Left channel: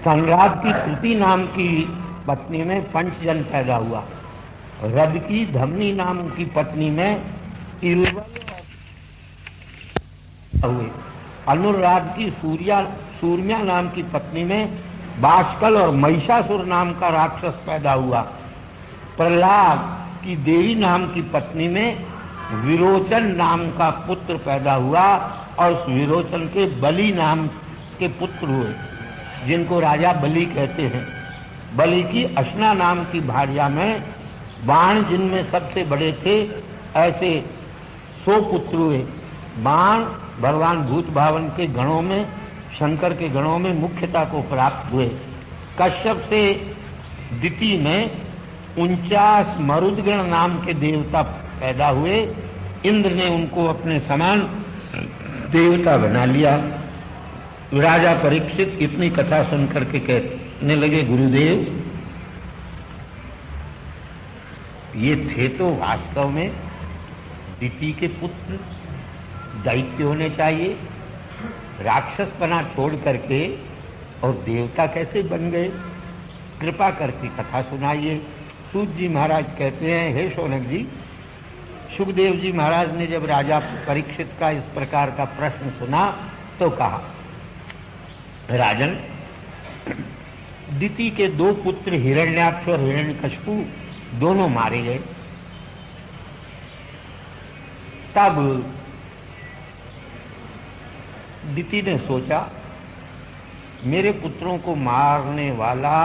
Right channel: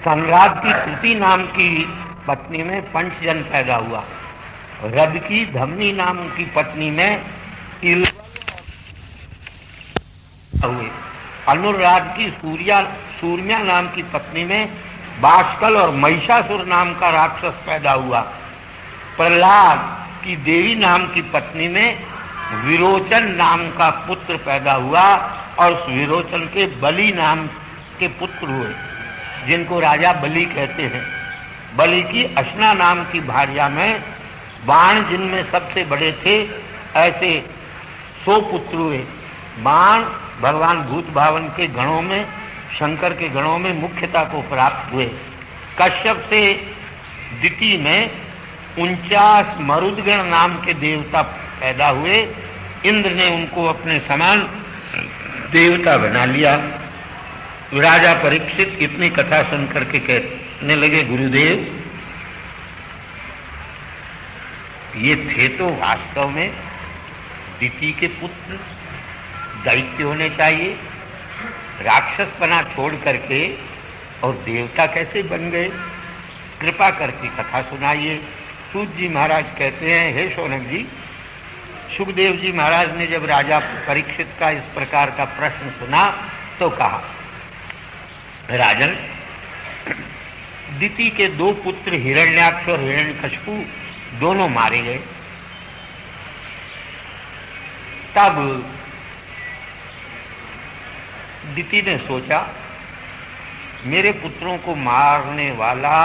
संराट की कृति नाम की पत्नी में पंचजन पैदा हुआ। रद की धमनी नाम की पत्नी में इलवल हुए। अनुराग की सूर्या नाम की पत्नी में बाष्कल और महिषासुर नाम का राक्षस पैदा हुआ। प्रहलाद की देवी नाम की पत्नी में विरोचन नाम का पुत्र पैदा हुआ और उस विरोचन के बलि नाम के पुत्र हुए, जिनको राजा बलि कहते हैं। बलि की अशना नाम की भार्या में बाण जिनमें सबसे बड़े थे, ऐसे 100 पुत्र हुए। बाण भगवान भूत भावन के गणों में, शंकर के गणों में मुख्यता को प्राप्त हुए। कश्यप से दिति में 49 मरुदगण नाम के देवता पैदा हुए। इंद्र ने उनको अपने समान देवता बना लिया। राजा परीक्षित इतनी कथा सुन करके कहने लगे, गुरुदेव ये थे तो वास्तव में दिति के पुत्र, दैत्य होने चाहिए। राक्षसपना छोड़ करके और देवता कैसे बन गए? कृपा करके कथा सुनाइए। सूत जी महाराज कहते हैं, हे शौनक जी, सुखदेव जी महाराज ने जब राजा परीक्षित का इस प्रकार का प्रश्न सुना तो कहा, राजन, दिति के 2 पुत्र हिरण्याक्ष और हिरण्यकशिपु दोनों मारे गए। तब दिति ने सोचा, मेरे पुत्रों को मारने वाला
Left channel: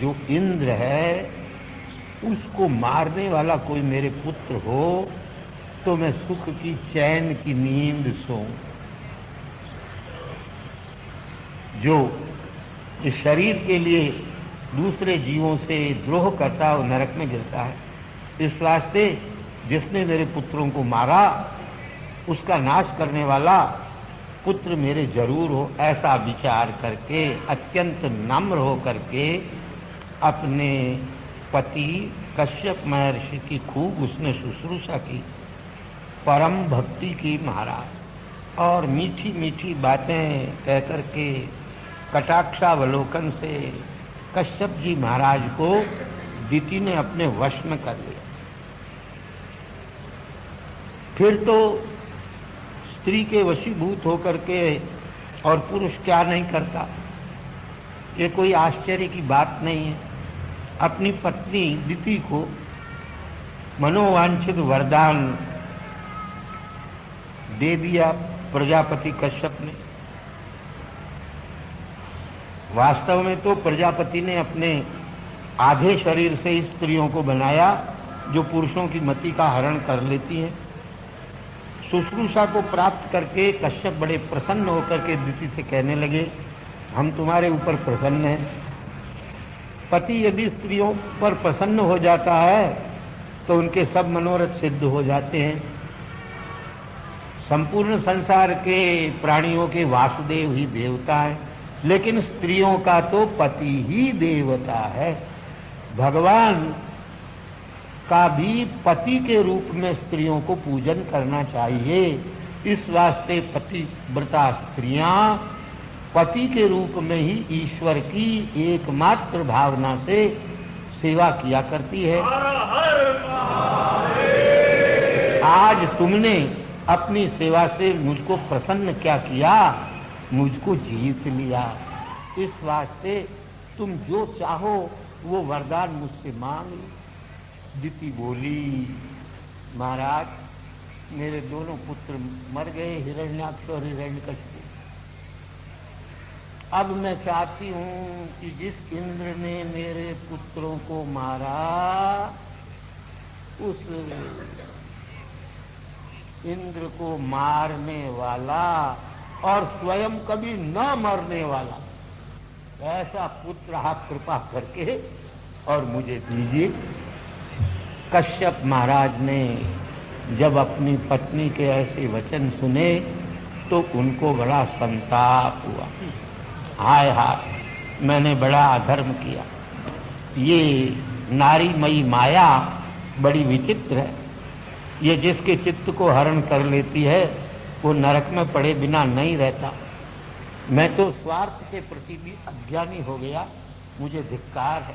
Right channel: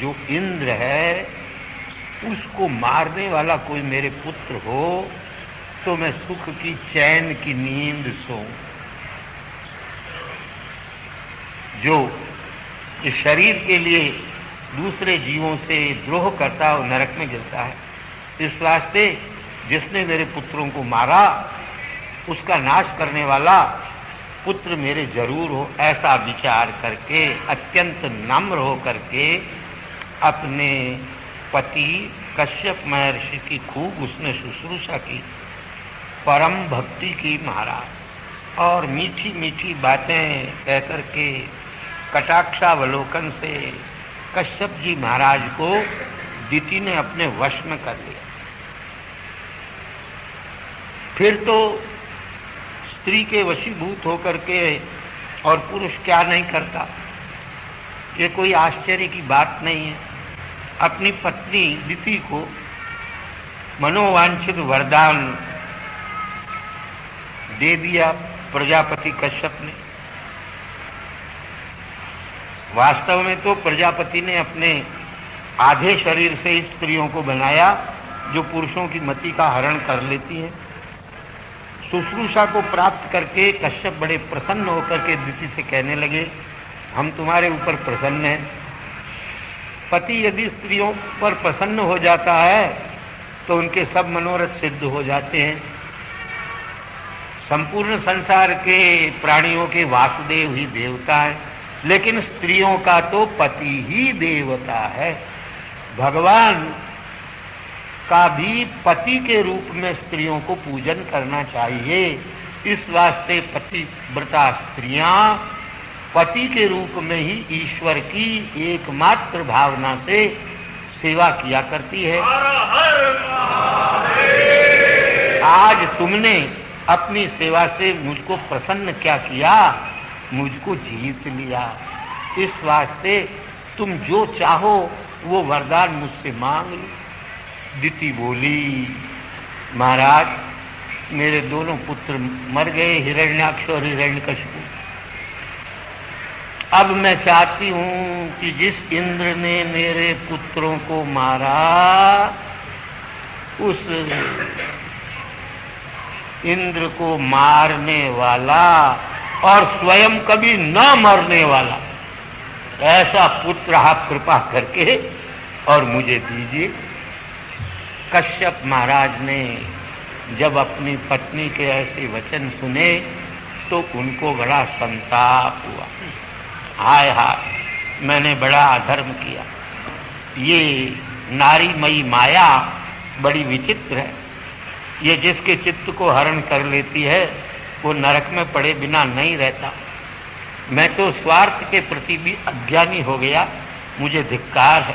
जो इंद्र है, उसको मारने वाला कोई मेरे पुत्र हो तो मैं सुख की चैन की नींद सोऊं। जो इस शरीर के लिए दूसरे जीवों से द्रोह करता है वो नरक में गिरता है। इस वास्ते जिसने मेरे पुत्रों को मारा उसका नाश करने वाला पुत्र मेरे जरूर हो, ऐसा विचार करके अत्यंत नम्र हो करके अपने पति कश्यप महर्षि की खूब उसने शुश्रूषा की, परम भक्ति की महाराज, और मीठी मीठी बातें कहकर के कटाक्षावलोकन से कश्यप जी महाराज को दिति ने अपने वश में कर लिया। फिर तो स्त्री के वशीभूत होकर के और पुरुष क्या नहीं करता, ये कोई आश्चर्य की बात नहीं है। अपनी पत्नी दिति को मनोवांछित वरदान दे दिया प्रजापति कश्यप ने। वास्तव में तो प्रजापति ने अपने आधे शरीर से स्त्रियों को बनाया जो पुरुषों की मति का हरण कर लेती हैं। शुश्रूषा को प्राप्त करके कश्यप बड़े प्रसन्न होकर के दिति से कहने लगे, हम तुम्हारे ऊपर प्रसन्न हैं। पति यदि स्त्रियों पर प्रसन्न हो जाता है तो उनके सब मनोरथ सिद्ध हो जाते हैं। संपूर्ण संसार के प्राणियों के वासुदेव ही देवता है, लेकिन स्त्रियों का तो पति ही देवता है। भगवान का भी पति के रूप में स्त्रियों को पूजन करना चाहिए। इस वास्ते पतिव्रता स्त्रियां पति के रूप में ही ईश्वर की एकमात्र भावना से सेवा किया करती है। आज तुमने अपनी सेवा से मुझको प्रसन्न क्या किया, मुझको जीत लिया। इस वास्ते तुम जो चाहो वो वरदान मुझसे मांग लो। दिति बोली, महाराज मेरे दोनों पुत्र मर गए, हिरण्याक्ष और हिरण्यकशिपु। अब मैं चाहती हूं कि जिस इंद्र ने मेरे पुत्रों को मारा उस इंद्र को मारने वाला और स्वयं कभी न मरने वाला ऐसा पुत्र आप कृपा करके और मुझे दीजिए। कश्यप महाराज ने जब अपनी पत्नी के ऐसे वचन सुने तो उनको बड़ा संताप हुआ। हाय हाय, मैंने बड़ा अधर्म किया। ये नारीमयी माया बड़ी विचित्र है। ये जिसके चित्त को हरण कर लेती है वो नरक में पड़े बिना नहीं रहता। मैं तो स्वार्थ के प्रति भी अज्ञानी हो गया, मुझे धिक्कार है।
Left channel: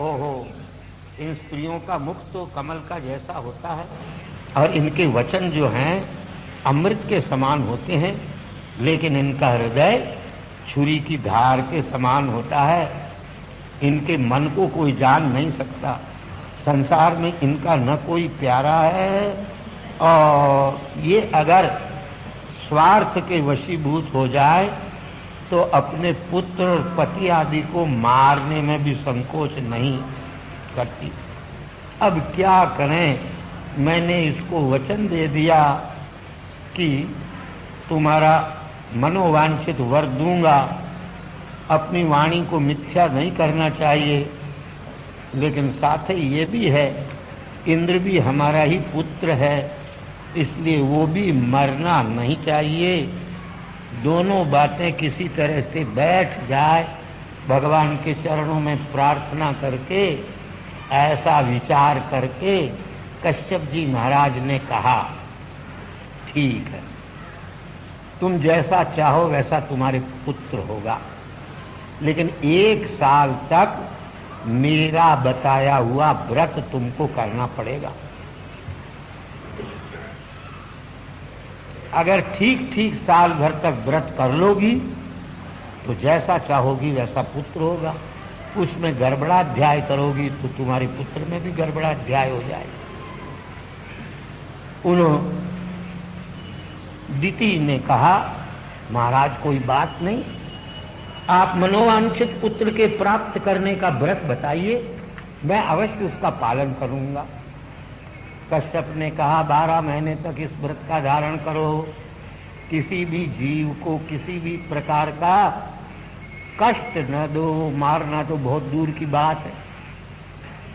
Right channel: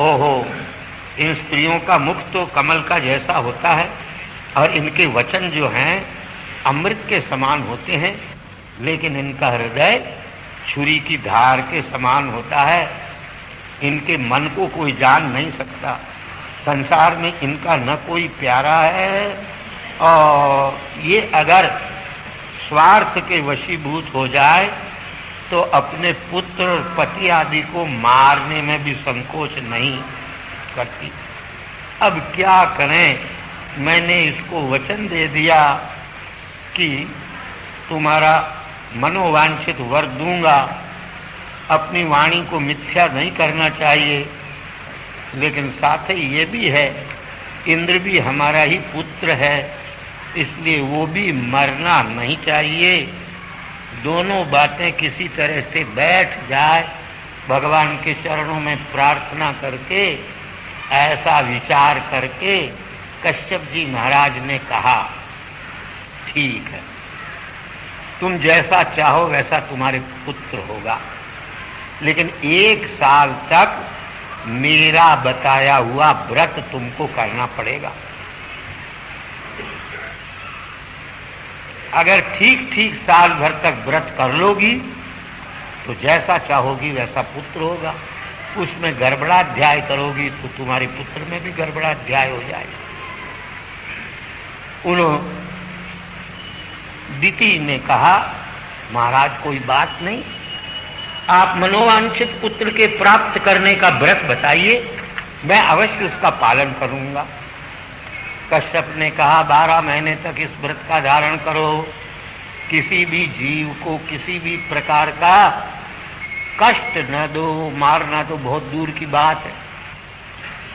ओहो, इन स्त्रियों का मुख तो कमल का जैसा होता है और इनके वचन जो हैं अमृत के समान होते हैं, लेकिन इनका हृदय छुरी की धार के समान होता है। इनके मन को कोई जान नहीं सकता। संसार में इनका न कोई प्यारा है, और ये अगर स्वार्थ के वशीभूत हो जाए तो अपने पुत्र और पति आदि को मारने में भी संकोच नहीं करती। अब क्या करें? मैंने इसको वचन दे दिया कि तुम्हारा मनोवांछित वर दूंगा। अपनी वाणी को मिथ्या नहीं करना चाहिए, लेकिन साथ ही ये भी है, इंद्र भी हमारा ही पुत्र है, इसलिए वो भी मरना नहीं चाहिए। दोनों बातें किसी तरह से बैठ जाए, भगवान के चरणों में प्रार्थना करके, ऐसा विचार करके कश्यप जी महाराज ने कहा, ठीक है, तुम जैसा चाहो वैसा तुम्हारे पुत्र होगा, लेकिन 1 साल तक मेरा बताया हुआ व्रत तुमको करना पड़ेगा। अगर ठीक ठीक साल भर तक व्रत कर लोगी तो जैसा चाहोगी वैसा पुत्र होगा। उसमें गड़बड़ाध्याय करोगी तो तुम्हारे पुत्र में भी गड़बड़ाध्याय हो जाएगा। उन्होंने दीति ने कहा, महाराज कोई बात नहीं, आप मनोवांछित पुत्र के प्राप्त करने का व्रत बताइए, मैं अवश्य उसका पालन करूंगा। कश्यप ने कहा, 12 महीने तक इस व्रत का धारण करो। किसी भी जीव को किसी भी प्रकार का कष्ट न दो, मारना तो बहुत दूर की बात है।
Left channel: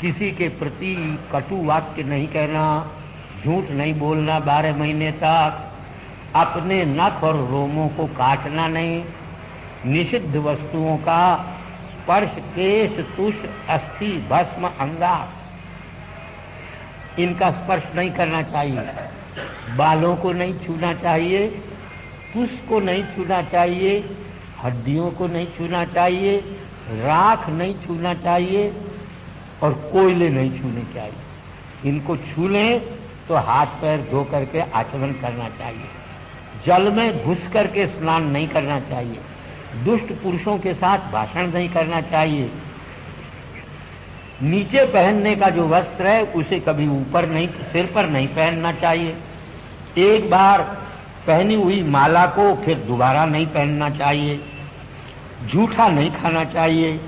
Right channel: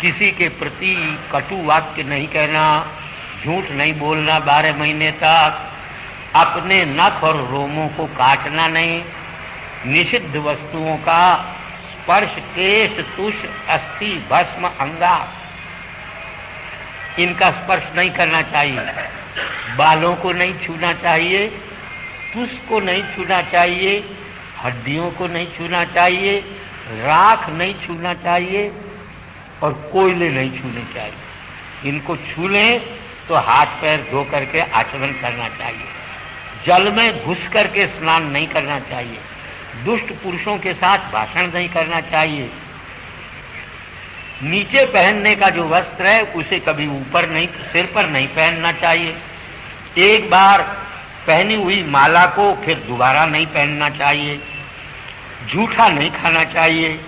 किसी के प्रति कटु वाक्य नहीं कहना, झूठ नहीं बोलना 12 महीने तक, अपने नख और रोमों को काटना नहीं, निषिद्ध वस्तुओं का स्पर्श, केश, तुष, अस्थि, भस्म, अंगा, इनका स्पर्श नहीं करना चाहिए। बालों को नहीं छूना चाहिए, तुष को नहीं छूना चाहिए, हड्डियों को नहीं छूना चाहिए, राख नहीं छूना चाहिए और कोयले नहीं छूने चाहिए। इनको छू लें तो हाथ पैर धो करके आचमन करना चाहिए। जल में घुस करके स्नान नहीं करना चाहिए। दुष्ट पुरुषों के साथ भाषण नहीं करना चाहिए। नीचे पहनने का जो वस्त्र है उसे कभी ऊपर नहीं, सिर पर नहीं पहनना चाहिए। एक बार पहनी हुई माला को फिर दोबारा नहीं पहनना चाहिए। झूठा नहीं खाना चाहिए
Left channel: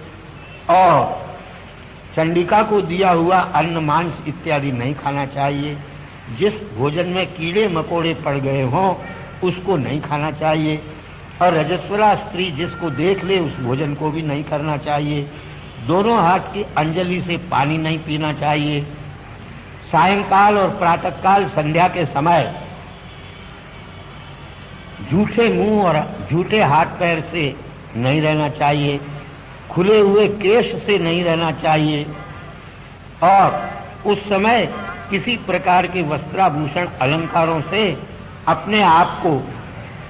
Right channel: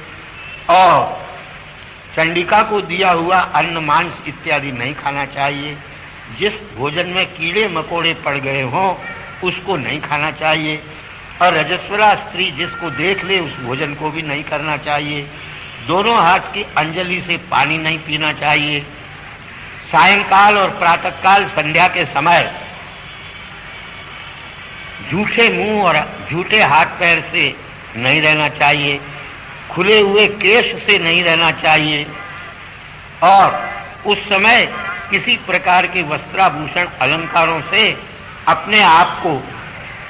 और चंडिका को दिया हुआ अन्न, मांस इत्यादि नहीं खाना चाहिए। जिस भोजन में कीड़े मकोड़े पड़ गए हों उसको नहीं खाना चाहिए और रजस्वला स्त्री जिसको देख ले उस भोजन को भी नहीं करना चाहिए। दोनों हाथ की अंजलि से पानी नहीं पीना चाहिए। सायंकाल और प्रातःकाल संध्या के समय झूठे मुंह और झूठे हाथ पैर से नहीं रहना चाहिए। खुले हुए केश से नहीं रहना चाहिए और उस समय किसी प्रकार के वस्त्राभूषण अलंकारों से अपने आप को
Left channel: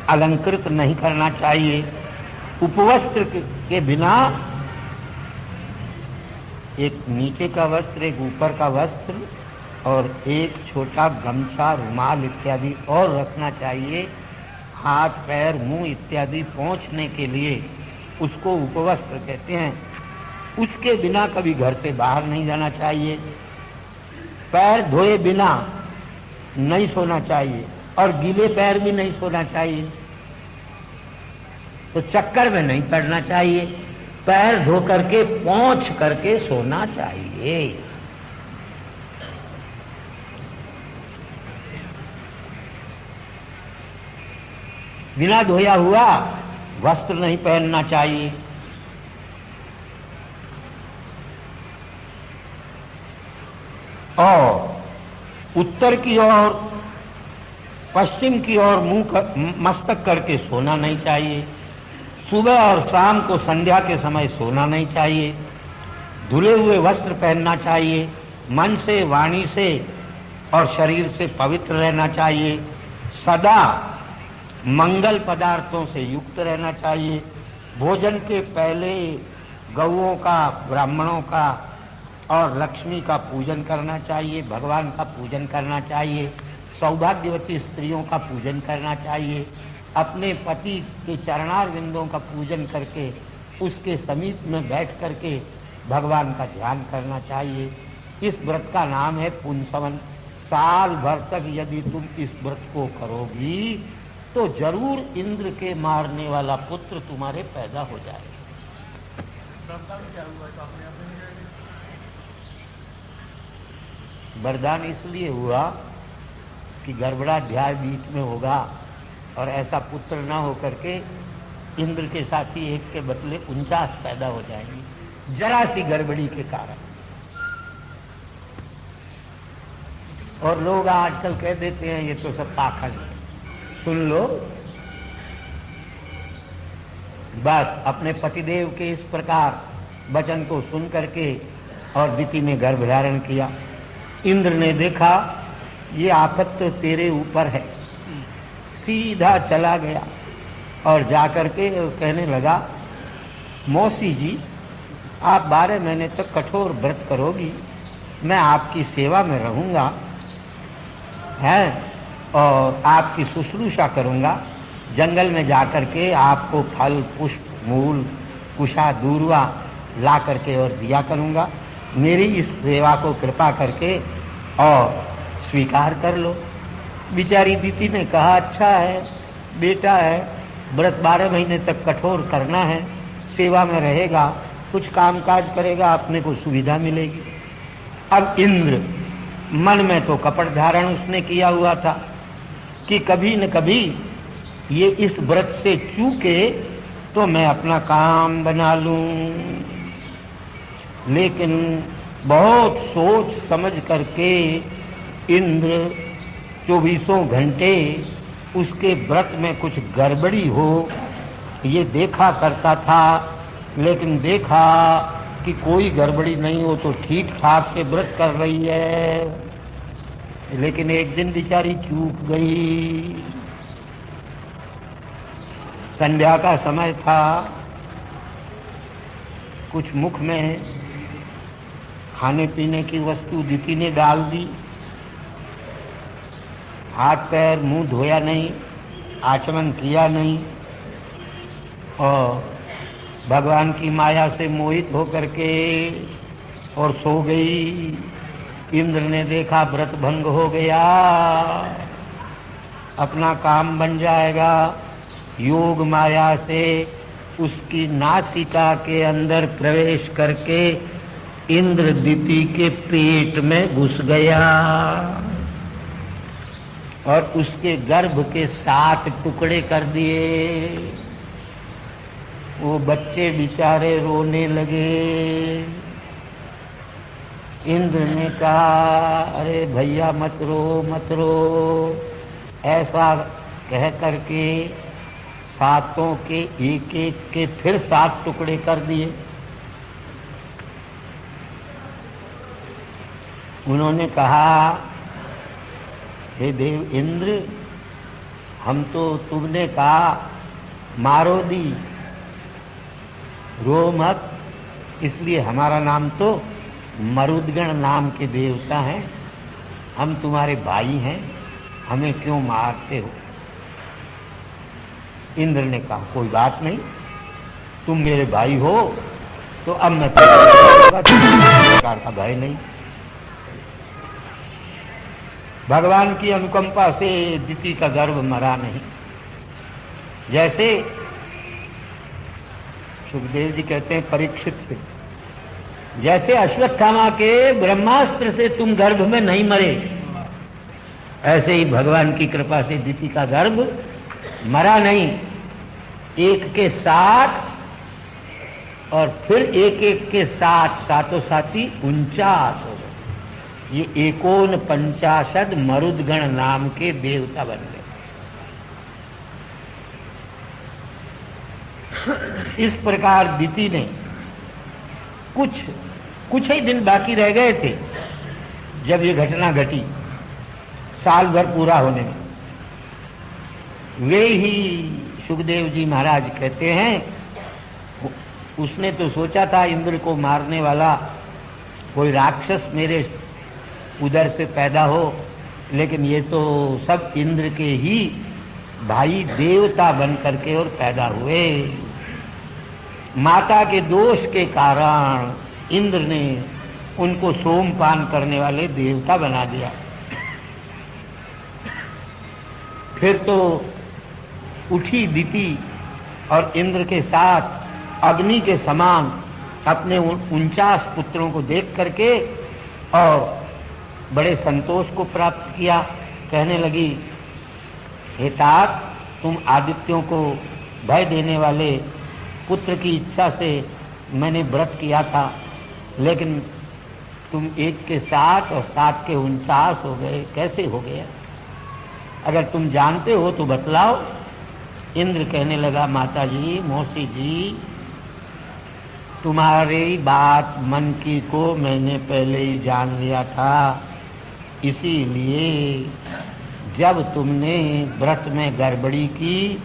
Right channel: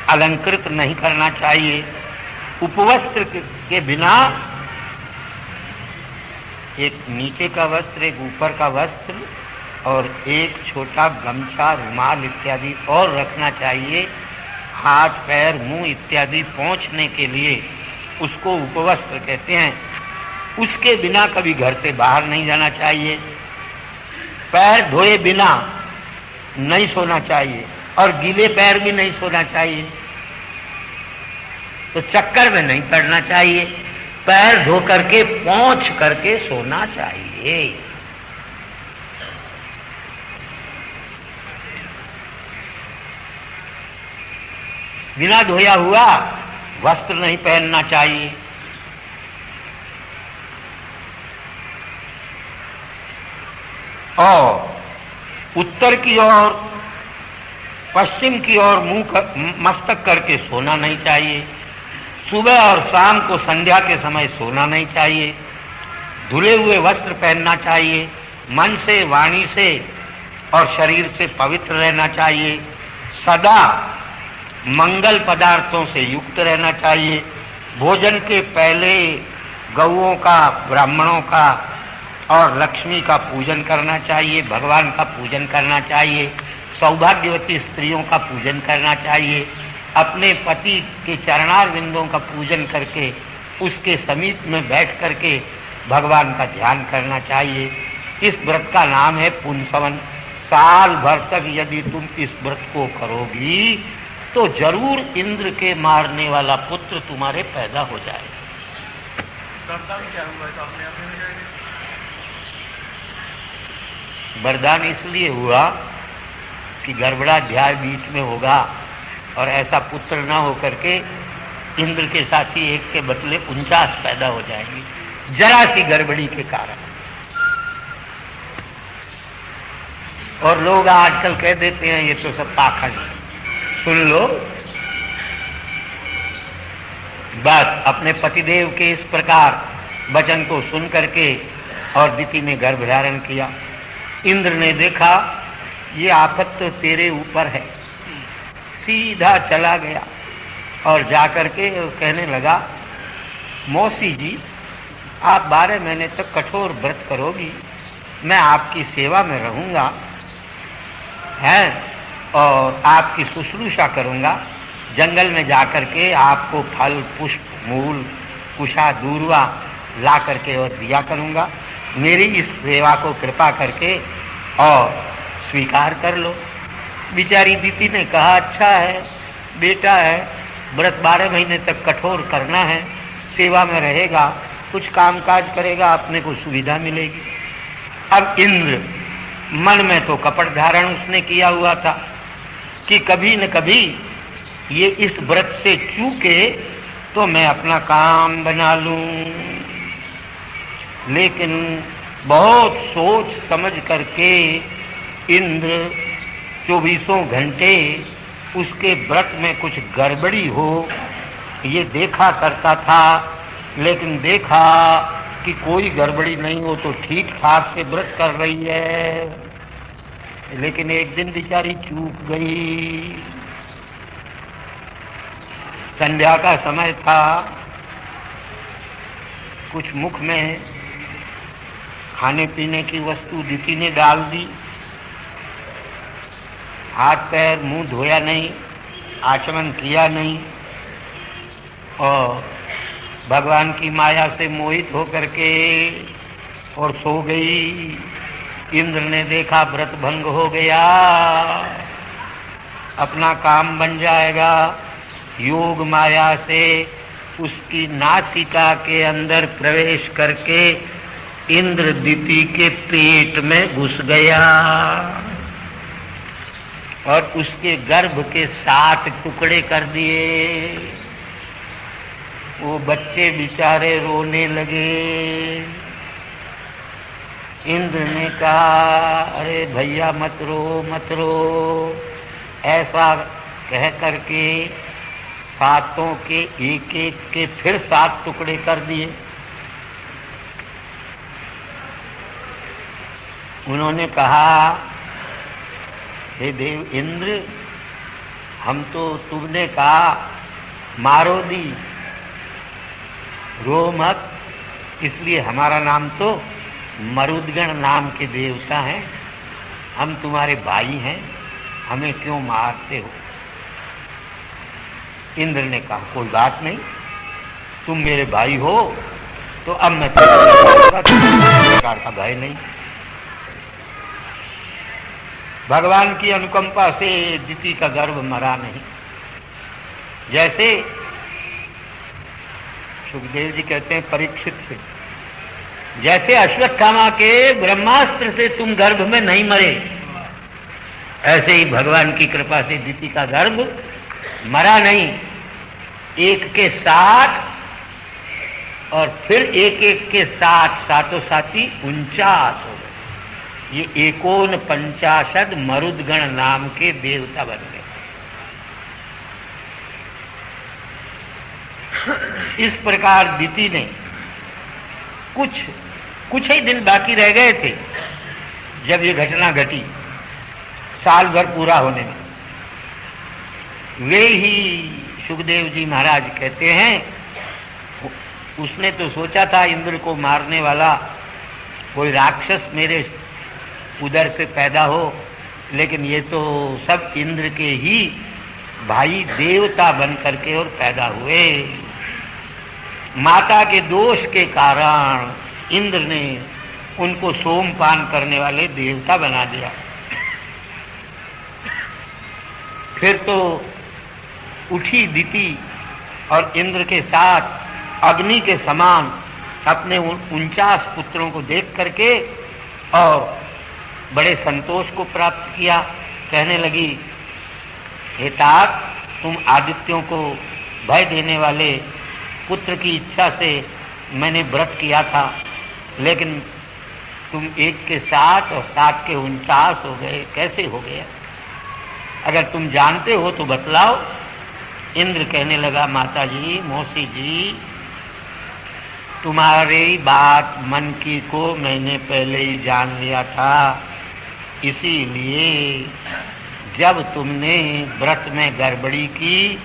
अलंकृत नहीं करना चाहिए। उपवस्त्र के बिना एक नीचे का वस्त्र, एक ऊपर का वस्त्र और एक छोटा गमछा, रुमाल इत्यादि और रखना चाहिए। हाथ पैर मुंह इत्यादि पोंछने के लिए उसको उपवस्त्र कहते हैं। उसके बिना कभी घर से बाहर नहीं जाना चाहिए। पैर धोए बिना नहीं सोना चाहिए और गीले पैर भी नहीं सोना चाहिए। तो चक्कर में नहीं पड़ना चाहिए। पैर धो करके पोंछ करके सोना चाहिए। बिना धोया हुआ वस्त्र नहीं पहनना चाहिए। और उत्तर की ओर, पश्चिम की ओर मुंह मस्तक करके सोना नहीं चाहिए। सुबह और शाम को संध्या के समय सोना नहीं चाहिए। धुले हुए वस्त्र पहनना चाहिए। मन से, वाणी से और शरीर से पवित्र रहना चाहिए। सदा मंगल पदार्थों से युक्त रहना चाहिए। भोजन के पहले गौओं का, ब्राह्मणों का और लक्ष्मी का पूजन करना चाहिए, भगवान का पूजन करना चाहिए, सौभाग्यवती स्त्रियों का पूजन करना चाहिए, अपने पति के चरणार बिंदों का पूजन करके उसके समीप में बैठ करके भगवान का ध्यान करना चाहिए। इस व्रत का नाम है पुंसवन। साल भर तक यदि तुम इस व्रत को करोगी तो जरूर इंद्र के मारने वाला पुत्र तुम्हारे पैदा हो जाएगा। वरदान इसलिए हुआ कि गर्भणाध्याय बीच में होगा और ऐसा पुत्र न हो करके इंद्र के साथी एक के बदले 49 पैदा हो जाएंगी, जरा सी गड़बड़ी के कारण। और लोग आजकल कह देते हैं ये तो सब पाखंड है। सुन लो, बस अपने पतिदेव के इस प्रकार वचन को सुन करके और दिति ने गर्भ धारण किया। इंद्र ने देखा ये आफत तो तेरे ऊपर है, सीधा चला गया और जाकर के कहने लगा, मौसी जी आप 12 महीने तक कठोर व्रत करोगी, मैं आपकी सेवा में रहूँगा हैं और आपकी शुश्रूषा करूँगा। जंगल में जाकर के आपको फल पुष्प मूल कुशा दूरवा ला करके और दिया करूँगा। मेरी इस सेवा को कृपा करके और स्वीकार कर लो। बेचारी दीति ने कहा, अच्छा है बेटा है, व्रत 12 महीने तक कठोर करना है, सेवा में रहेगा, कुछ कामकाज करेगा, अपने को सुविधा मिलेगी। अब इंद्र मन में तो कपट धारण उसने किया हुआ था कि कभी न कभी ये इस व्रत से चूके तो मैं अपना काम बना लूं, लेकिन बहुत सोच समझ करके इंद्र 24 घंटे उसके व्रत में कुछ गड़बड़ी हो ये देखा करता था। लेकिन देखा कि कोई गड़बड़ी नहीं हो तो ठीक ठाक से व्रत कर रही है, लेकिन एक दिन बेचारी चूक गई। संध्या का समय था, कुछ मुख में खाने पीने की वस्तु दीति ने डाल दी, हाथ पैर मुंह धोया नहीं, आचमन किया नहीं और भगवान की माया से मोहित होकर के और सो गई। इंद्र ने देखा व्रत भंग हो गया, अपना काम बन जाएगा। योग माया से उसकी नासिका के अंदर प्रवेश करके इंद्र दीति के पेट में घुस गया और उसके गर्भ के 7 टुकड़े कर दिए। वो बच्चे बेचारे रोने लगे। इंद्र ने कहा, अरे भैया मत रो मत रो, ऐसा कह करके 7 के एक एक के फिर 7 टुकड़े कर दिए। उन्होंने कहा, हे देव इंद्र, हम तो तुमने कहा मारो दी, रो मत, इसलिए हमारा नाम तो मरुदगण नाम के देवता हैं, हम तुम्हारे भाई हैं, हमें क्यों मारते हो। इंद्र ने कहा, कोई बात नहीं, तुम मेरे भाई हो तो अब मैं प्रकार का भय नहीं। भगवान की अनुकंपा से दीति का गर्भ मरा नहीं। जैसे सुखदेव जी कहते हैं परीक्षित से, जैसे अश्वत्थामा के ब्रह्मास्त्र से तुम गर्भ में नहीं मरे, ऐसे ही भगवान की कृपा से दीति का गर्भ मरा नहीं। एक के 7 और फिर एक एक के 7, सातों साथी 49 हो गए। ये 49 मरुदगण नाम के देवता बन गए। इस प्रकार दीति ने कुछ ही दिन बाकी रह गए थे जब ये घटना घटी, साल भर पूरा होने में। वे ही सुखदेव जी महाराज कहते हैं, उसने तो सोचा था इंद्र को मारने वाला कोई राक्षस मेरे उधर से पैदा हो, लेकिन ये तो सब इंद्र के ही भाई देवता बन करके और पैदा हुए। माता के दोष के कारण इंद्र ने उनको सोमपान करने वाले देवता बना दिया। फिर तो उठी दिति और इंद्र के साथ अग्नि के समान अपने 49 पुत्रों को देख करके और बड़े संतोष को प्राप्त किया। कहने लगी, हे तात, तुम आदित्यों को भय देने वाले पुत्र की इच्छा से मैंने व्रत किया था, लेकिन तुम 1 के 7 और 7 के 49 हो गए, कैसे हो गए? अगर तुम जानते हो तो बतलाओ। इंद्र कहने लगा, माता जी, मौसी जी, तुम्हारी बात मन की को मैंने पहले ही जान लिया था, इसीलिए जब तुमने व्रत में गड़बड़ी की,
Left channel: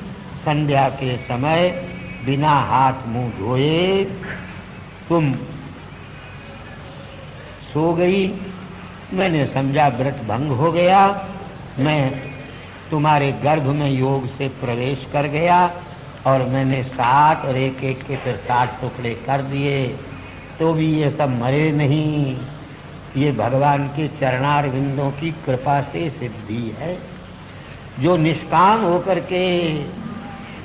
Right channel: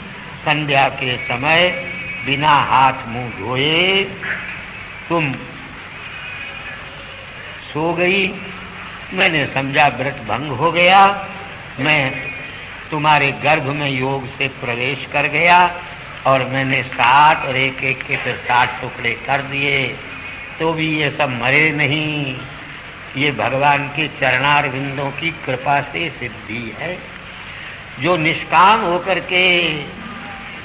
संध्या के समय बिना हाथ मुंह धोए तुम सो गई। मैंने समझा व्रत भंग हो गया। मैं तुम्हारे गर्भ में योग से प्रवेश कर गया और मैंने 7 और 1-1 के फिर 7 टुकड़े कर दिए, तो भी ये सब मरे नहीं। ये भगवान के चरणारविंदों की कृपा से सिद्धि है। जो निष्काम होकर के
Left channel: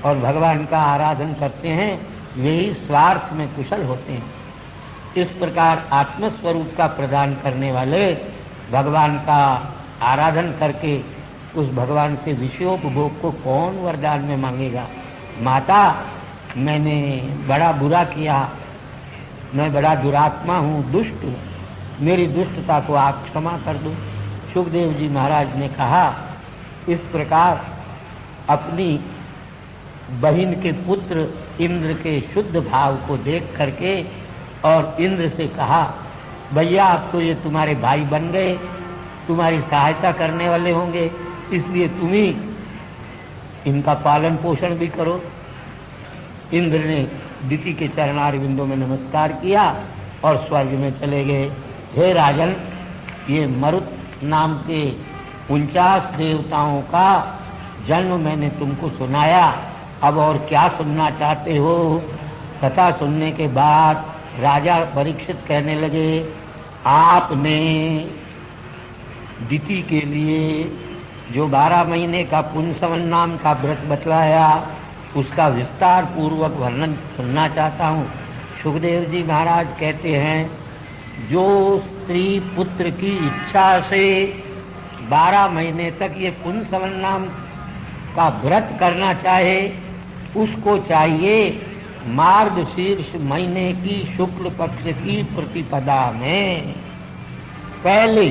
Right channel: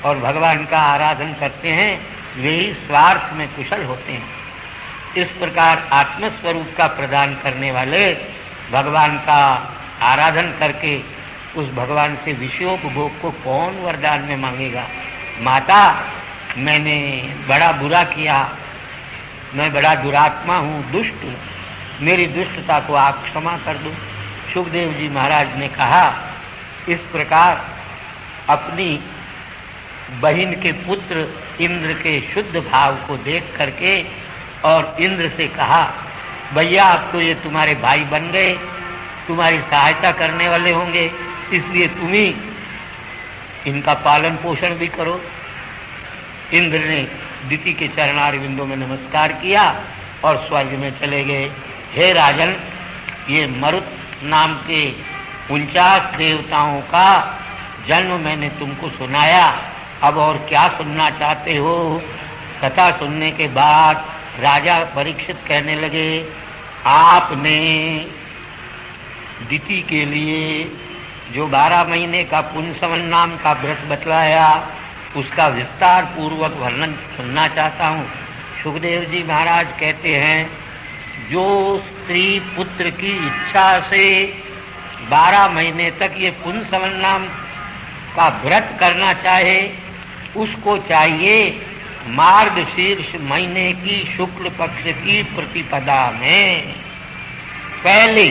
और भगवान का आराधन करते हैं, वे ही स्वार्थ में कुशल होते हैं। इस प्रकार आत्मस्वरूप का प्रदान करने वाले भगवान का आराधन करके उस भगवान से विषयोपभोग को कौन वरदान में मांगेगा? माता, मैंने बड़ा बुरा किया, मैं बड़ा दुरात्मा हूँ, दुष्ट हूँ, मेरी दुष्टता को आप क्षमा कर दो। सुखदेव जी महाराज ने कहा, इस प्रकार अपनी बहिन के पुत्र इंद्र के शुद्ध भाव को देख करके और इंद्र से कहा, भैया अब तो ये तुम्हारे भाई बन गए, तुम्हारी सहायता करने वाले होंगे, इसलिए तुम ही इनका पालन पोषण भी करो। इंद्र ने दिति के चरणारविंदों में नमस्कार किया और स्वर्ग में चले गए। हे राजन, ये मरुत नाम के 49 देवताओं का जन्म मैंने तुमको सुनाया, अब और क्या सुनना चाहते हो? कथा सुनने के बाद राजा परीक्षित कहने लगे, आपने दिति के लिए जो 12 महीने का पुंसवन नाम का व्रत बतलाया, उसका विस्तार पूर्वक वर्णन सुनना चाहता हूँ। सुखदेव जी महाराज कहते हैं, जो स्त्री पुत्र की इच्छा से 12 महीने तक ये पुंसवन नाम का व्रत करना चाहे, उसको चाहिए मार्गशीर्ष महीने की शुक्ल पक्ष की प्रतिपदा में पहले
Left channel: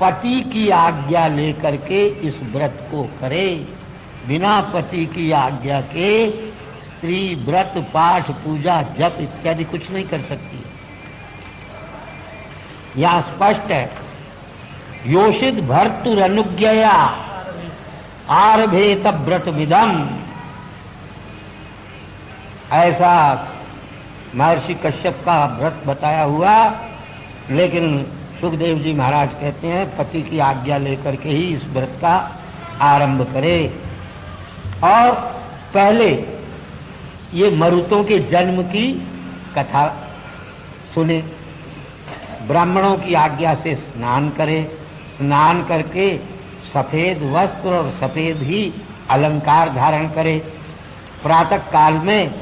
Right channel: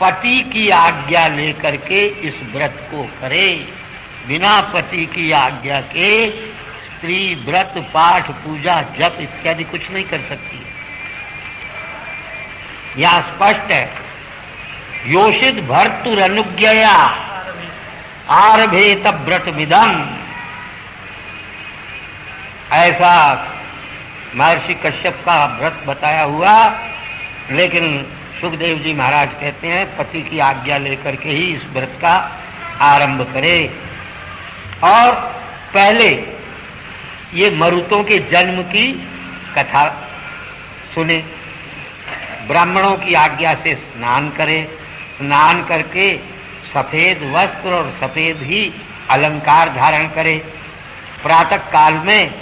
पति की आज्ञा लेकर के इस व्रत को करे। बिना पति की आज्ञा के स्त्री व्रत, पाठ, पूजा, जप इत्यादि कुछ नहीं कर सकती। यहाँ स्पष्ट है, योषित भर्तुरनुज्ञया आरभेत व्रत विदम। ऐसा महर्षि कश्यप का व्रत बताया हुआ, लेकिन सुखदेव जी महाराज कहते हैं पति की आज्ञा लेकर के ही इस व्रत का आरंभ करे। और पहले ये मरुतों के जन्म की कथा सुने, ब्राह्मणों की आज्ञा से स्नान करे, स्नान करके सफेद वस्त्र और सफेद ही अलंकार धारण करे। प्रातः काल में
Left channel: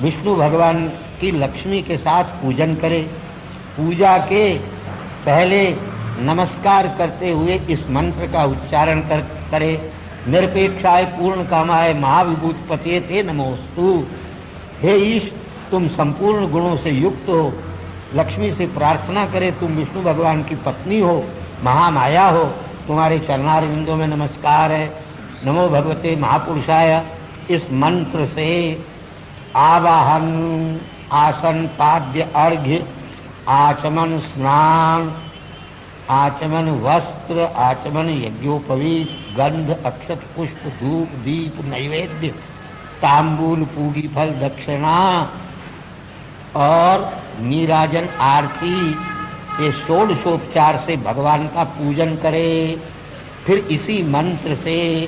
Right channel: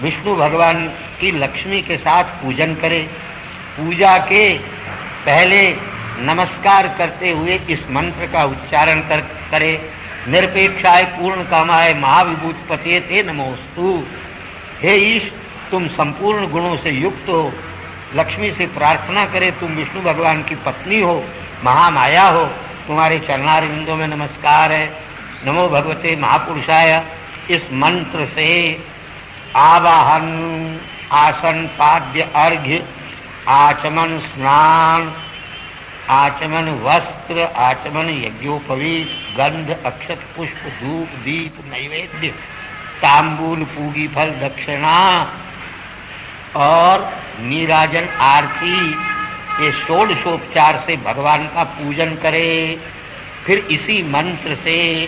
विष्णु भगवान की लक्ष्मी के साथ पूजन करे। पूजा के पहले नमस्कार करते हुए इस मंत्र का उच्चारण करे, निरपेक्षाय पूर्ण कामाय महाविभूतपते ते नमोस्तु। हे ईश, तुम संपूर्ण गुणों से युक्त हो, लक्ष्मी से प्रार्थना करे, तुम विष्णु भगवान की पत्नी हो, महामाया हो, तुम्हारे चरणारविंदों में नमस्कार है। नमो भगवते महापुरुषाय। इस मंत्र से आवाहन, आसन, पाद्य, अर्घ्य, आचमन, स्नान आचमन वस्त्र, आचमन यज्ञोपवीत, गंध अक्षत पुष्प धूप दीप नैवेद्य तांबूल पूगी फल दक्षिणा और नीराजन आरती, ये षोडशोपचार से भगवान का पूजन करे। फिर इसी मंत्र से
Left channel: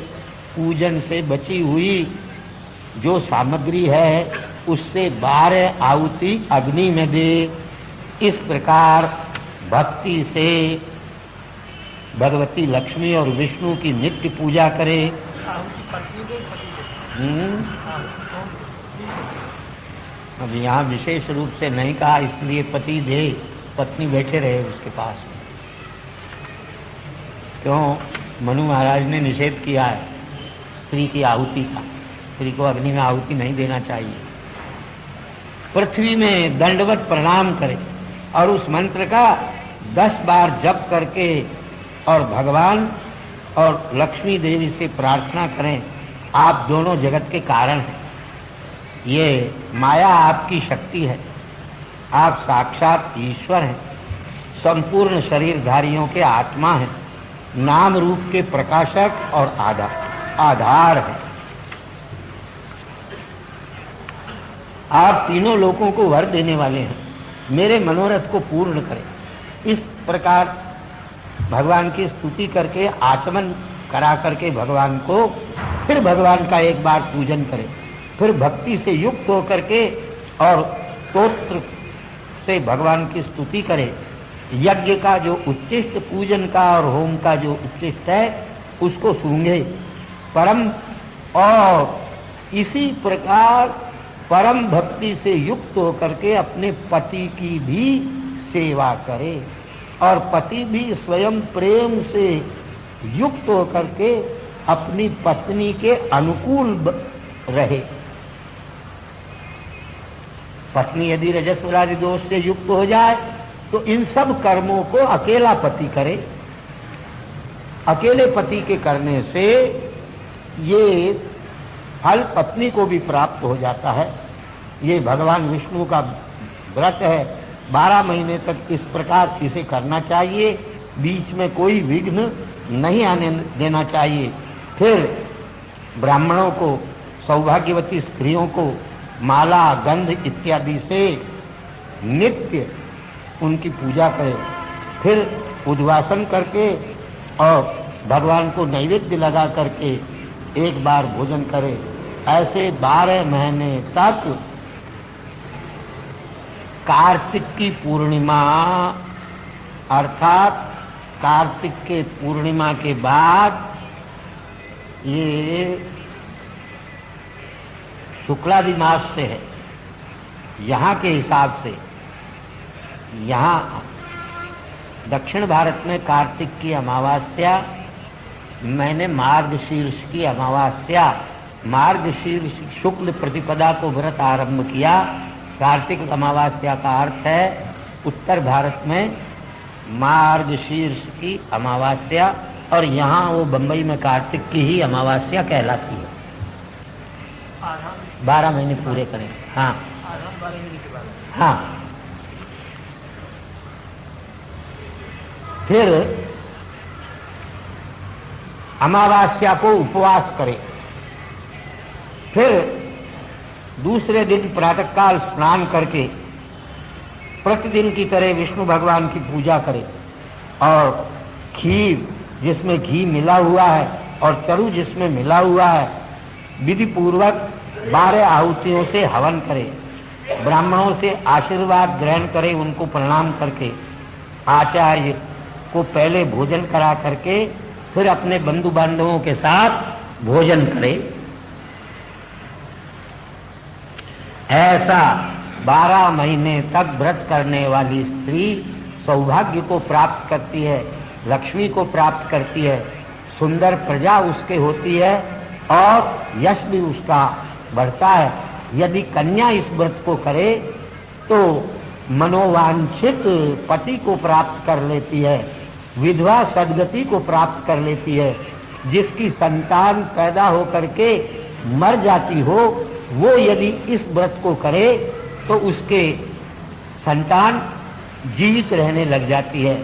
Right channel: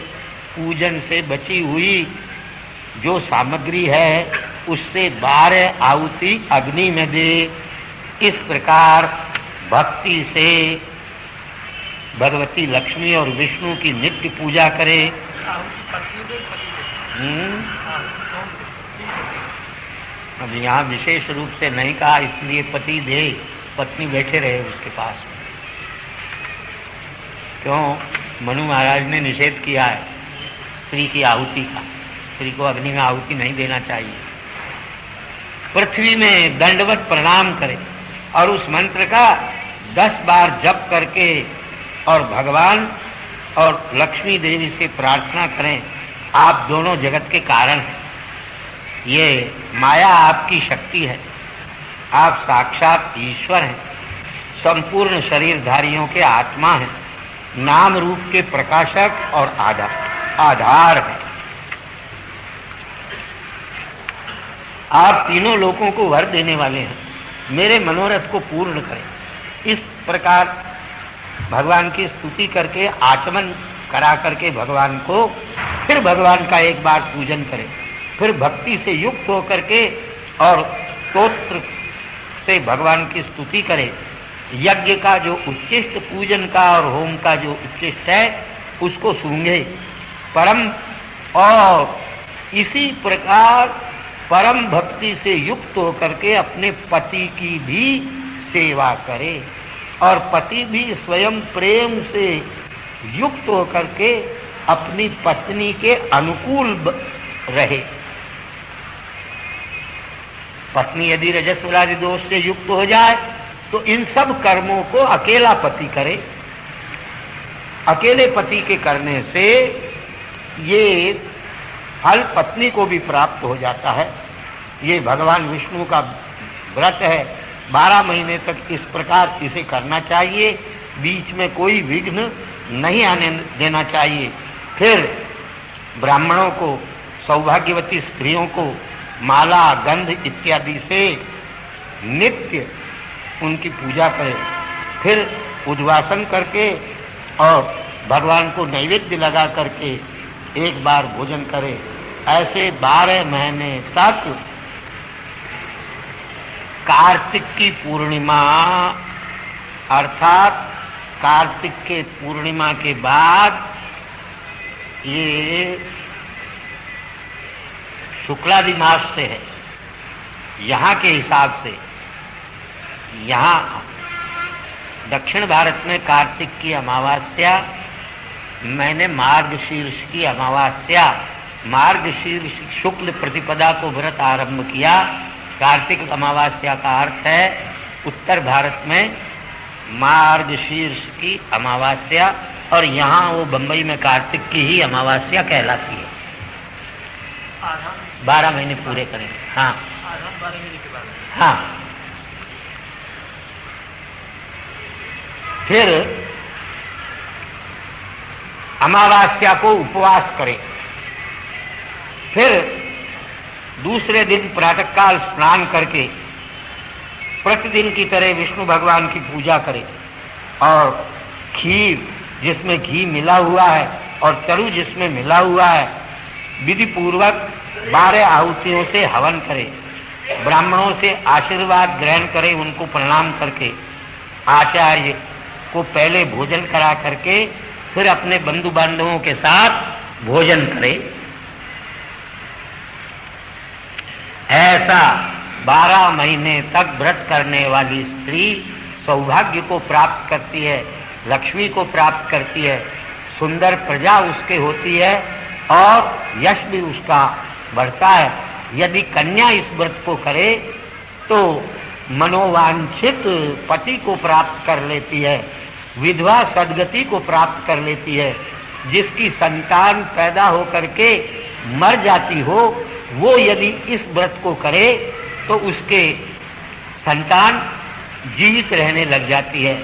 पूजन से बची हुई जो सामग्री है उससे 12 आहुति अग्नि में दे। इस प्रकार भक्ति से भगवती लक्ष्मी और विष्णु की नित्य पूजा करे। अब यहाँ विशेष रूप से नहीं कहा, इसलिए पति दे, पत्नी बैठे रहे उसके पास। क्यों? मनु महाराज ने निषेध किया है स्त्री की आहुति का, स्त्री को अग्नि में आहुति नहीं देना चाहिए। पृथ्वी में दंडवत प्रणाम करे और उस मंत्र का 10 बार जप करके और भगवान और लक्ष्मी देवी से प्रार्थना करें, आप दोनों जगत के कारण हैं। ये माया आपकी शक्ति है, आप साक्षात ईश्वर हैं, संपूर्ण शरीरधारियों के आत्मा हैं, नाम रूप के प्रकाशक और आधार हैं। आप तीनों लोगों को वर देने वाले हैं, मेरे मनोरथ को पूर्ण करें। इस प्रकार भगवान की स्तुति करके आचमन करा करके भगवान को फिर भगवान का एक बार पूजन करें। फिर भक्ति से युक्त होकर के और स्तोत्र से भगवान की स्तुति करें। यज्ञ का जो उच्चिष्ट, पूजन का और होम का जो उच्चिष्ट है उसको सूंघे परम, और इसी प्रकार परम भक्ति से युक्त होकर के अपने पति की भी सेवा करे और पति भी स्वयं प्रेम से युक्त होकर के अपनी पत्नी के अनुकूल रहे। पत्नी यदि रजस्वलादि दोष से युक्त हो जाए तो इन सब कर्मों को अकेला पति करे। अकेले पति के करने से ये फल पत्नी को भी प्राप्त हो जाता है। ये भगवान विष्णु का व्रत है, 12 महीने तक इस प्रकार इसे करना चाहिए, बीच में कोई विघ्न नहीं आने देना चाहिए। फिर ब्राह्मणों को, सौभाग्यवती स्त्रियों को माला, गंध इत्यादि से नित्य उनकी पूजा करें। फिर उद्वासन करके और भगवान को नैवेद्य लगा करके एक बार भोजन करें। ऐसे 12 महीने तक कार्तिक की पूर्णिमा अर्थात कार्तिक के पूर्णिमा के बाद ये शुक्लादि मास से है यहाँ के हिसाब से। यहाँ दक्षिण भारत में कार्तिक की अमावस्या, मैंने मार्गशीर्ष की अमावस्या, मार्गशीर्ष शुक्ल प्रतिपदा को व्रत आरंभ किया। कार्तिक अमावस्या का अर्थ है उत्तर भारत में मार्गशीर्ष की अमावस्या, और यहाँ वो बंबई में कार्तिक की ही अमावस्या कहलाती है। 12 महीने पूरे करें। हाँ, 12 महीने के बाद। हाँ, फिर अमावस्या को उपवास करें। फिर दूसरे दिन प्रातःकाल स्नान करके प्रतिदिन की तरह विष्णु भगवान की पूजा करें और खीर जिसमें घी मिला हुआ है और चरु जिसमें मिला हुआ है विधि पूर्वक 12 आहुतियों से हवन करें। ब्राह्मणों से आशीर्वाद ग्रहण करें, उनको प्रणाम करके आचार्य को पहले भोजन करा करके फिर अपने बंधु बांधवों के साथ भोजन करें। ऐसा 12 महीने तक व्रत करने वाली स्त्री सौभाग्य को प्राप्त करती है, लक्ष्मी को प्राप्त करती है, सुंदर प्रजा उसके होती है और यश भी उसका बढ़ता है। यदि कन्या इस व्रत को करे तो मनोवांछित पति को प्राप्त कर लेती है, विधवा सद्गति को प्राप्त कर लेती है। जिसकी संतान पैदा होकर के मर जाती हो वो यदि इस व्रत को करे तो उसके संतान जीवित रहने लग जाती है।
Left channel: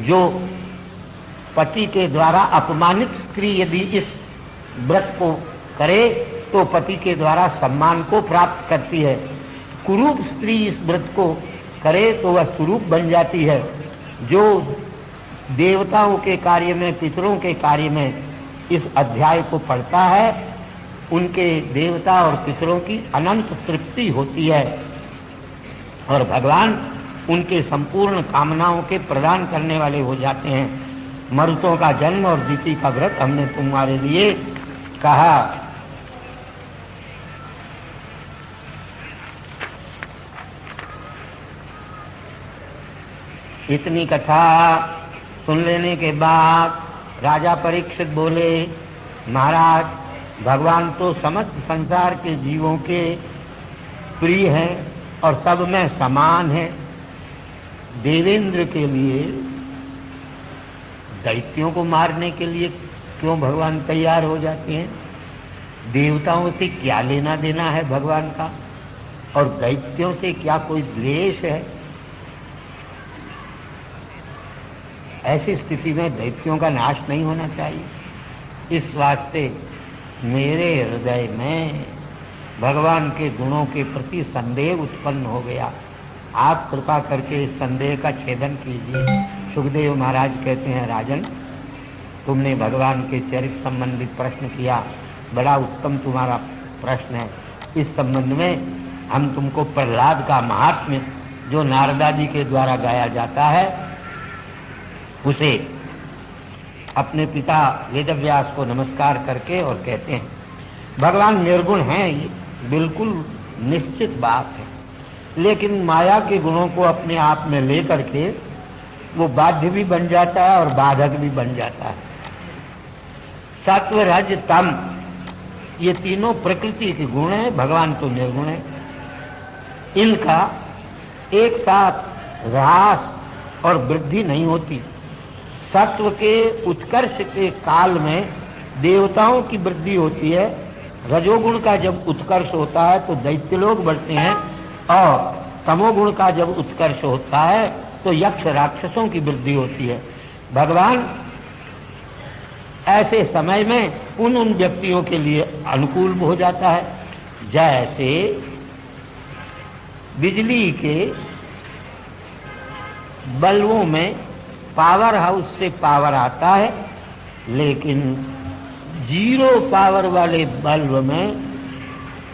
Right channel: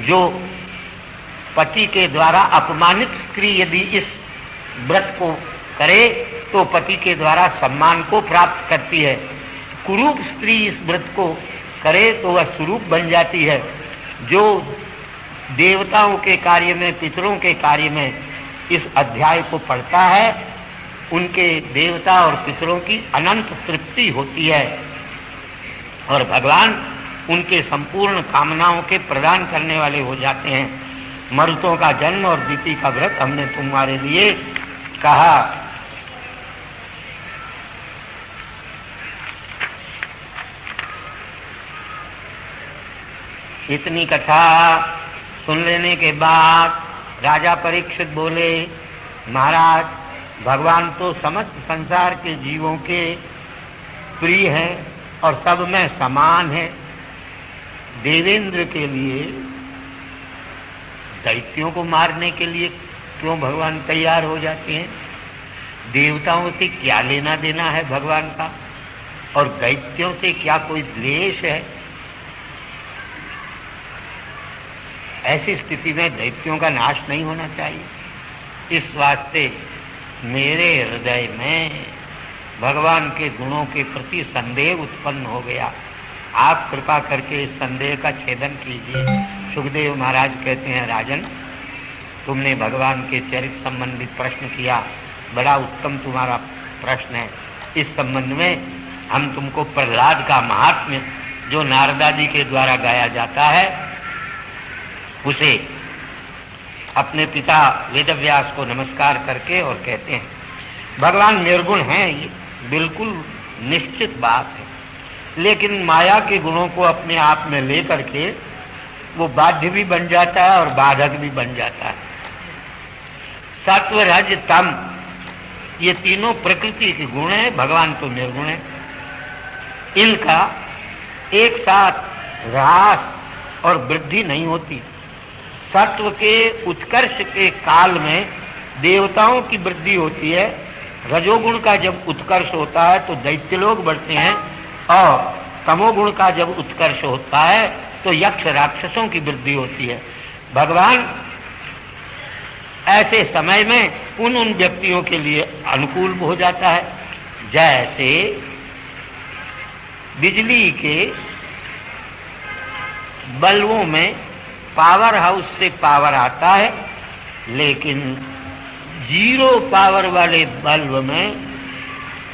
जो पति के द्वारा अपमानित स्त्री यदि इस व्रत को करे तो पति के द्वारा सम्मान को प्राप्त करती है। कुरूप स्त्री इस व्रत को करे तो वह स्वरूप बन जाती है। जो देवताओं के कार्य में, पितरों के कार्य में इस अध्याय को पढ़ता है, उनके देवता और पितरों की अनंत तृप्ति होती है और भगवान उनके संपूर्ण कामनाओं के प्रदान करने वाले हो जाते हैं। मरुतों का जन्म और दीति का व्रत हमने तुम्हारे लिए कहा। इतनी कथा सुन लेने के बाद राजा परीक्षित बोले, महाराज, भगवान तो समस्त संसार के जीवों के प्रिय हैं और सब में समान है। देवेंद्र के लिए, दैत्यों को मारने के लिए क्यों भगवान तैयार हो जाते हैं? देवताओं से क्या लेना देना है भगवान का, और दैत्यों से क्या कोई द्वेष है? ऐसी स्थिति में दैत्यों का नाश नहीं होना चाहिए। इस वास्ते मेरे हृदय में भगवान के गुणों के प्रति संदेह उत्पन्न हो गया। आप कृपा करके इस संदेह का छेदन कीजिए। सुखदेव महाराज कहते हैं, राजन, तुमने भगवान के चरित्र संबंधित प्रश्न किया, बड़ा उत्तम तुम्हारा प्रश्न है। इस संबंध में हम तुमको प्रहलाद का महात्म्य जो नारदादी के द्वारा गाया जाता है, उसे अपने पिता वेदव्यास को नमस्कार करके और कहते हैं, भगवान निर्गुण हैं, ये बिल्कुल निश्चित बात है, लेकिन माया के गुणों को अपने आप में लेकर के वो बाध्य भी बन जाता है और बाधक भी बन जाता है। सत्व, रज, तम, ये तीनों प्रकृति के गुण हैं, भगवान तो निर्गुण है। इनका एक साथ ह्रास और वृद्धि नहीं होती। सत्व के उत्कर्ष के काल में देवताओं की वृद्धि होती है, रजोगुण का जब उत्कर्ष होता है तो दैत्य लोग बढ़ते हैं, और तमोगुण का जब उत्कर्ष होता है तो यक्ष राक्षसों की वृद्धि होती है। भगवान ऐसे समय में उन व्यक्तियों के लिए अनुकूल हो जाता है, जैसे बिजली के बल्बों में पावर हाउस से पावर आता है, लेकिन जीरो पावर वाले बल्ब में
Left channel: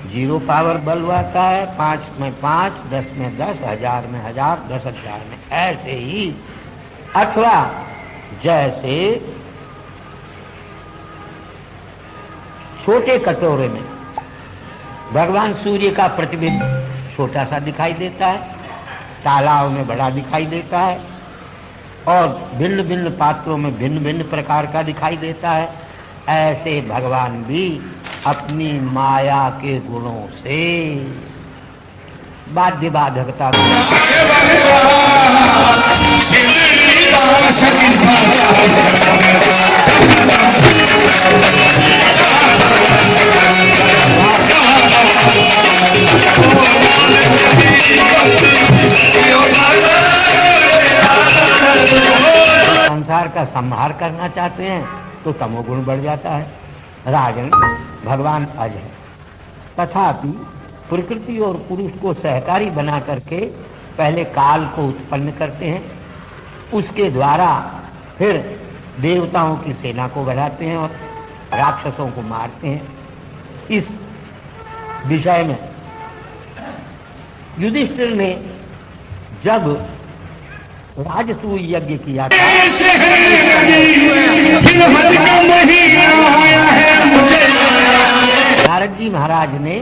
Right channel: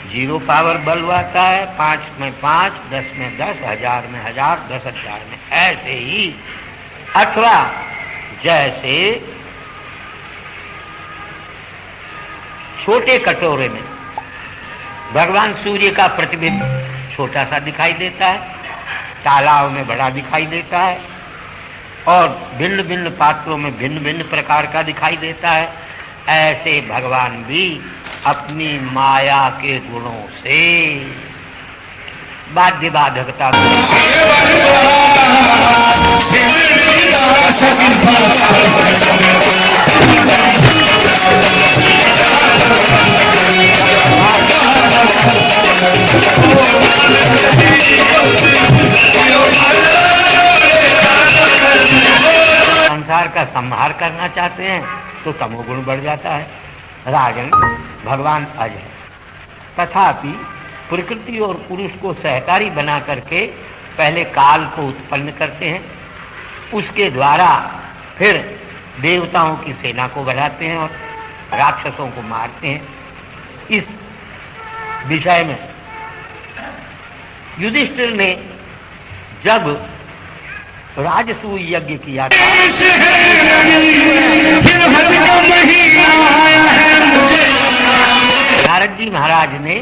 जीरो पावर बल्ब आता है, 5 में 5, 10 में 10, 1000 में 1000, 10,000 में ऐसे ही। अथवा जैसे छोटे कटोरे में भगवान सूर्य का प्रतिबिंब छोटा सा दिखाई देता है, तालाब में बड़ा दिखाई देता है, और भिन्न भिन्न पात्रों में भिन्न भिन्न प्रकार का दिखाई देता है। ऐसे भगवान भी अपनी माया के गुणों से बाध्य बाधकता संसार का संहार करना चाहते हैं तो तमोगुण बढ़ जाता है। राजन, भगवान अज है, तथापि प्रकृति और पुरुष को सहकारी बना करके पहले काल को उत्पन्न करते हैं, उसके द्वारा फिर देवताओं की सेना को बढ़ाते हैं और राक्षसों को मारते हैं। इस विषय में युधिष्ठिर ने जब राजसूय यज्ञ किया था, नारद जी महाराज ने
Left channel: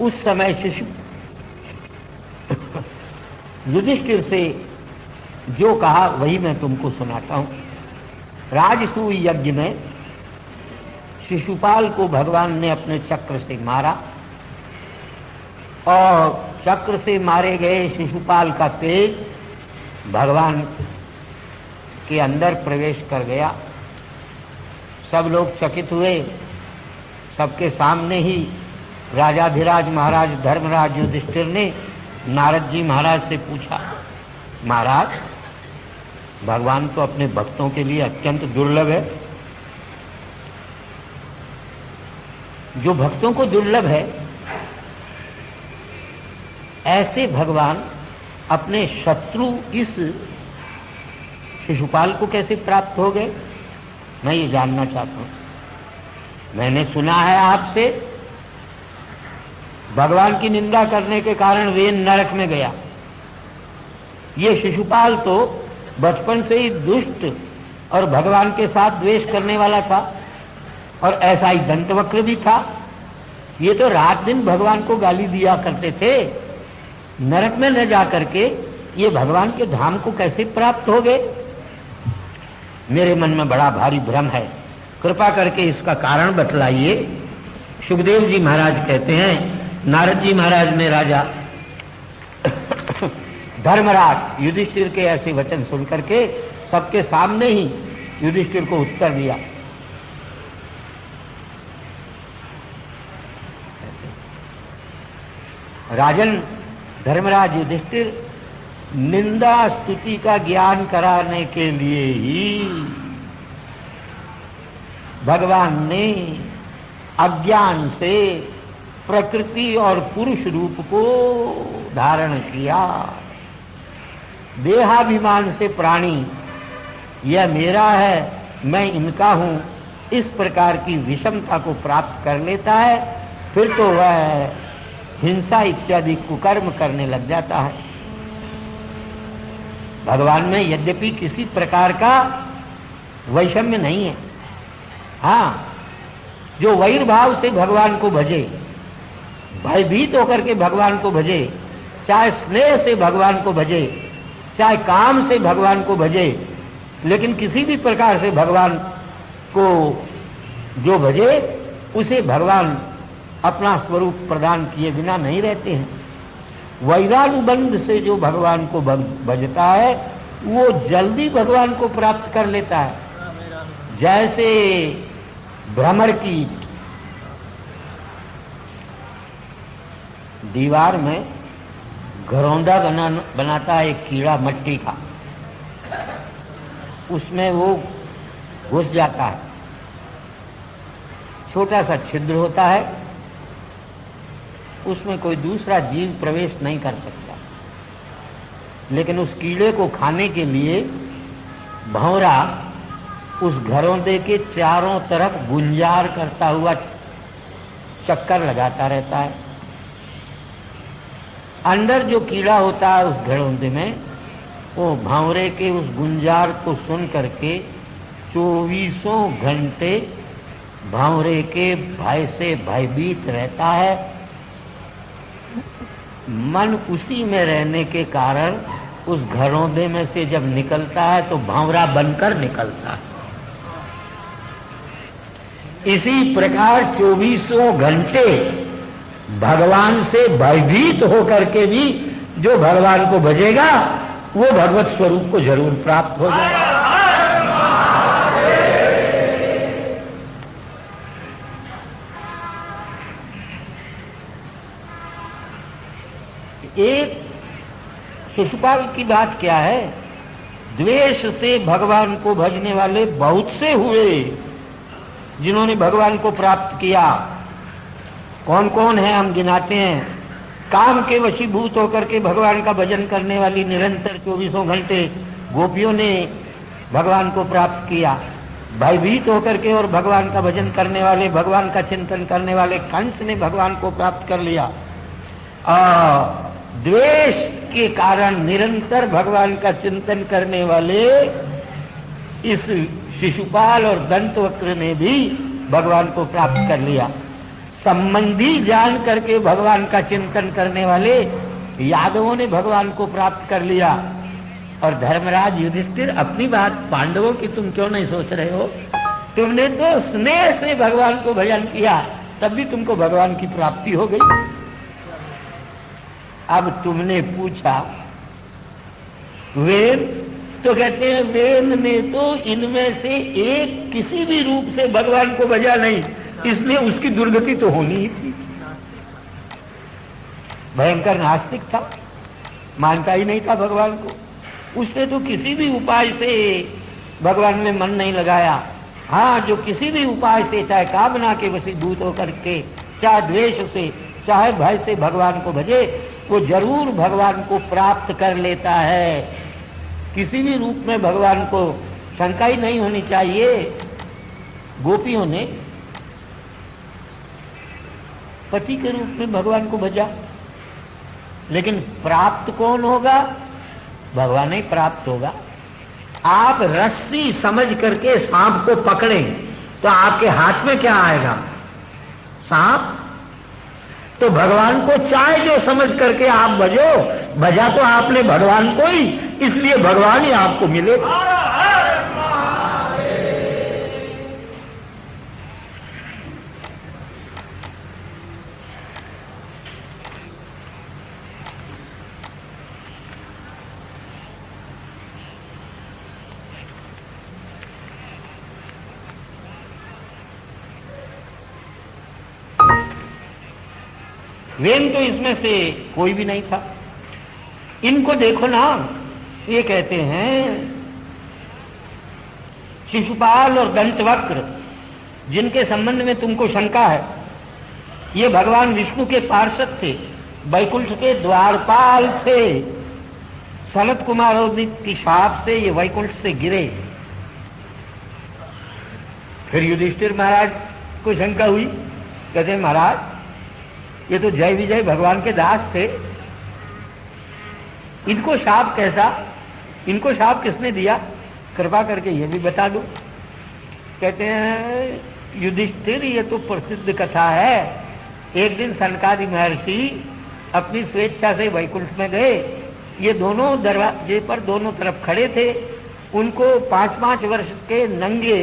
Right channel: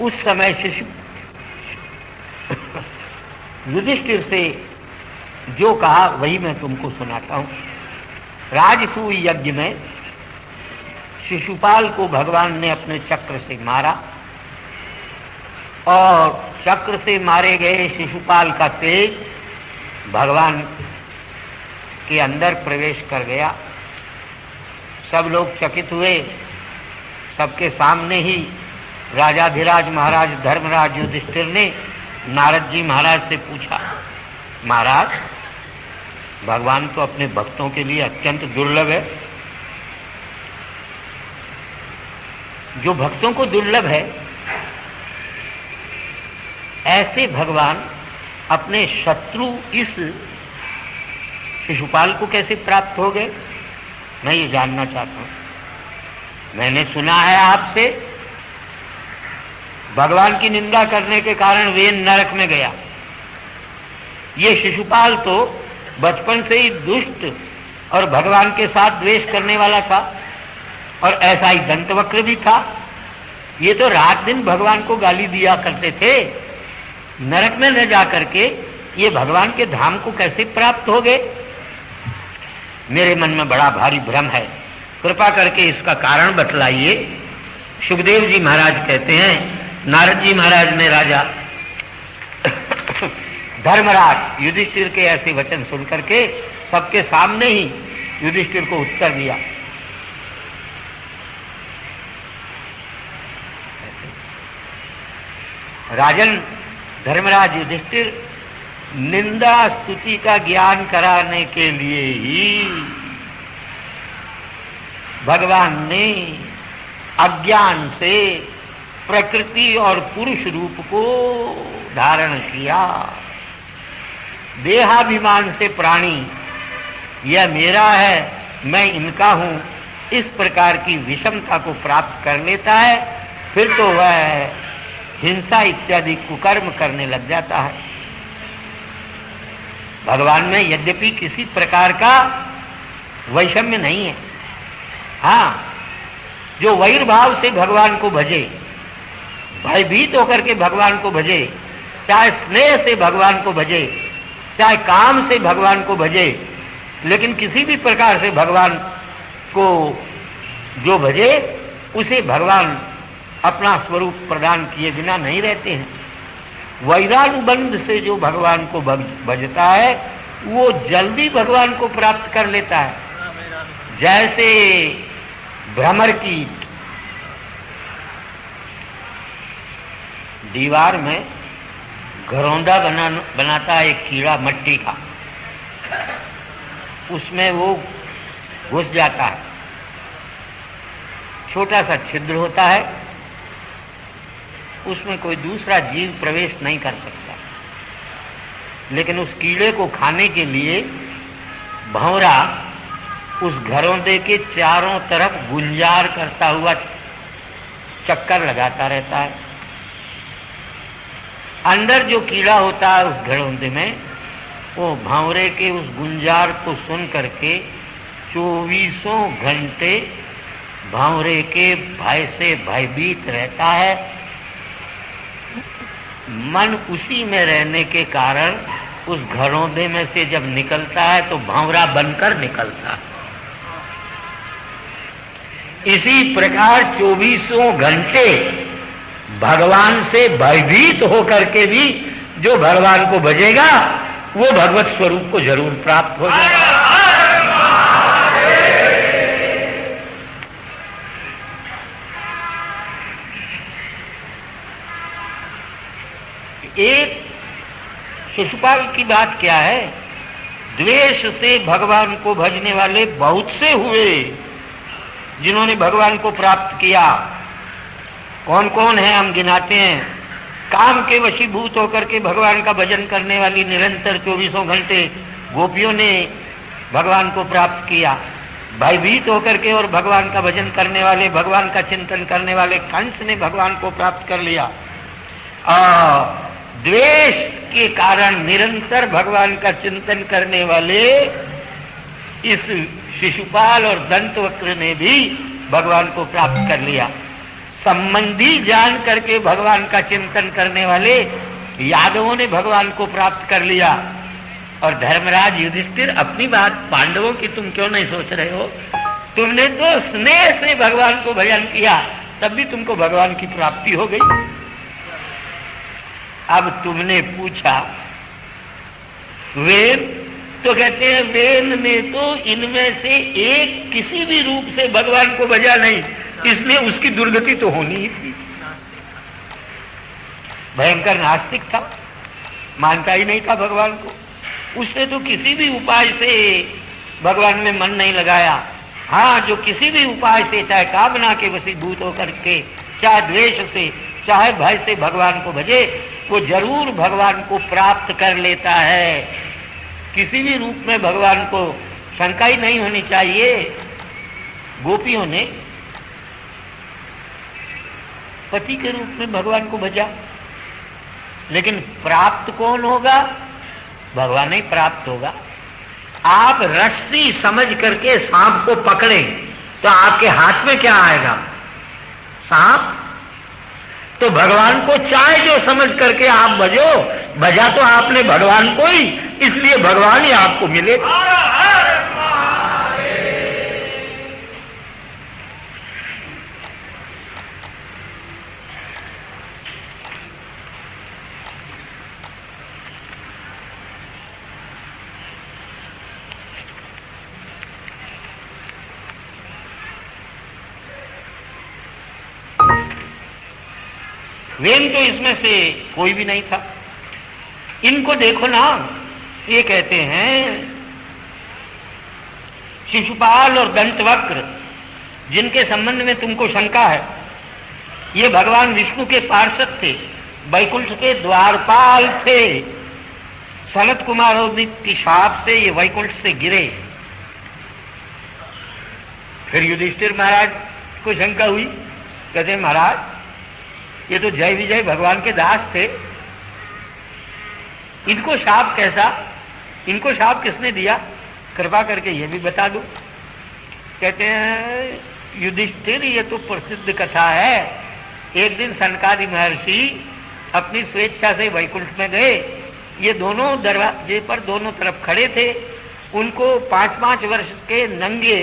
उस समय शिशु युधिष्ठिर से जो कहा वही मैं तुमको सुनाता हूं। राजसूय यज्ञ में शिशुपाल को भगवान ने अपने चक्र से मारा, और चक्र से मारे गए शिशुपाल का तेज भगवान के अंदर प्रवेश कर गया। सब लोग चकित हुए। सबके सामने ही राजाधिराज महाराज धर्मराज युधिष्ठिर ने नारद जी महाराज से पूछा, महाराज, भगवान तो अपने भक्तों के लिए अत्यंत दुर्लभ है। जो भक्तों को दुर्लभ है, ऐसे भगवान अपने शत्रु इस शिशुपाल को कैसे प्राप्त हो गए, मैं ये जानना चाहता हूं। मैंने सुना है आपसे, भगवान की निंदा करने के कारण वे नरक में गया। ये शिशुपाल तो बचपन से ही दुष्ट और भगवान के साथ द्वेष करने वाला था, और ऐसा ही दंतवक्र भी था। ये तो रात दिन भगवान को गाली दिया करते थे। नरक में न जा करके ये भगवान के धाम को कैसे प्राप्त हो गए, मेरे मन में बड़ा भारी भ्रम है। कृपा करके इसका कारण बतलाइए। सुखदेव जी महाराज कहते हैं, नारद जी महाराज ने राजा धर्मराज युधिष्ठिर के ऐसे वचन सुन करके सबके सामने ही युधिष्ठिर को उत्तर दिया। राजन धर्मराज युधिष्ठिर, निंदा स्तुति का ज्ञान कराने के लिए ही भगवान ने अज्ञान से प्रकृति और पुरुष रूप को धारण किया। देहाभिमान से प्राणी यह मेरा है, मैं इनका हूं, इस प्रकार की विषमता को प्राप्त कर लेता है। फिर तो वह हिंसा इत्यादि कुकर्म करने लग जाता है। भगवान में यद्यपि किसी प्रकार का वैषम्य नहीं है। हाँ, जो वैर भाव से भगवान को भजे, भयभीत होकर के भगवान को भजे, चाहे स्नेह से भगवान को भजे, चाहे काम से भगवान को भजे, लेकिन किसी भी प्रकार से भगवान को जो भजे उसे भगवान अपना स्वरूप प्रदान किए बिना नहीं रहते हैं। वैरानुबंध से जो भगवान को भजता है वो जल्दी भगवान को प्राप्त कर लेता है। जैसे भ्रमर की दीवार में घरौंदा बनाता है एक कीड़ा मट्टी का, उसमें वो घुस जाता है, छोटा सा छिद्र होता है, उसमें कोई दूसरा जीव प्रवेश नहीं कर सकता। लेकिन उस कीड़े को खाने के लिए भंवरा उस घरौंदे के चारों तरफ गुंजार करता हुआ चक्कर लगाता रहता है। अंदर जो कीड़ा होता है उस घरौंदे में, वो भंवरे के उस गुंजार को सुन करके 24 घंटे भंवरे के भय से भयभीत रहता है। मन उसी में रहने के कारण उस घरौंदे में से जब निकलता है तो भंवरा बनकर निकलता है। इसी प्रकार 24 घंटे भगवान से भयभीत होकर के भी जो भगवान को भजेगा वो भगवत स्वरूप को जरूर प्राप्त हो जाएगा। एक शिशुपाल की बात क्या है, द्वेष से भगवान को भजने वाले बहुत से हुए जिन्होंने भगवान को प्राप्त किया। कौन कौन है हम गिनाते हैं। काम के वशीभूत होकर के भगवान का भजन करने वाली निरंतर 24 घंटे गोपियों ने भगवान को प्राप्त किया। भयभीत होकर के और भगवान का भजन करने वाले, भगवान का चिंतन करने वाले कंस ने भगवान को प्राप्त कर लिया। द्वेष के कारण निरंतर भगवान का चिंतन करने वाले इस शिशुपाल और दंतवक्र ने भी भगवान को प्राप्त कर लिया। संबंधी जान करके भगवान का चिंतन करने वाले यादवों ने भगवान को प्राप्त कर लिया। और धर्मराज युधिष्ठिर, अपनी बात पांडवों की तुम क्यों नहीं सोच रहे हो? तुमने तो स्नेह से भगवान को भजन किया, तब भी तुमको भगवान की प्राप्ति हो गई। अब तुमने पूछा वेद, तो कहते हैं वेद ने तो इनमें से एक किसी भी रूप से भगवान को भजा नहीं, इसलिए उसकी दुर्गति तो होनी ही थी। भयंकर नास्तिक था, मानता ही नहीं था भगवान को। उसने तो किसी भी उपाय से भगवान में मन नहीं लगाया। हाँ, जो किसी भी उपाय से, चाहे कामना के वशीभूत होकर के, चाहे द्वेष से, चाहे भय से भगवान को भजे, वो जरूर भगवान को प्राप्त कर लेता है। किसी भी रूप में भगवान को शंका ही नहीं होनी चाहिए। गोपियों ने पति के रूप में भगवान को भजा, लेकिन प्राप्त कौन होगा? भगवान ही प्राप्त होगा। आप रस्सी समझ करके सांप को पकड़ें तो आपके हाथ में क्या आएगा? सांप। तो भगवान को चाहे जो समझ करके आप भजो, भजा तो आपने भगवान को ही, इसलिए भगवान ही आपको मिले। वेन तो इसमें से कोई भी नहीं था। इनको देखो ना, ये कहते हैं शिशुपाल और दंतवक्र, जिनके संबंध में तुमको शंका है, ये भगवान विष्णु के पार्षद थे, वैकुंठ के द्वारपाल थे। सनत कुमार की शाप से ये वैकुंठ से गिरे। फिर युधिष्ठिर महाराज को शंका हुई, कहते महाराज ये तो जय विजय भगवान के दास थे, इनको शाप कैसा? इनको शाप किसने दिया? कृपा करके ये भी बता दो। कहते हैं युधिष्ठिर, ये तो प्रसिद्ध कथा है। एक दिन सनकादि महर्षि अपनी स्वेच्छा से वैकुंठ में गए। ये दोनों दरवाजे पर दोनों तरफ खड़े थे। उनको 5-5 वर्ष के नंगे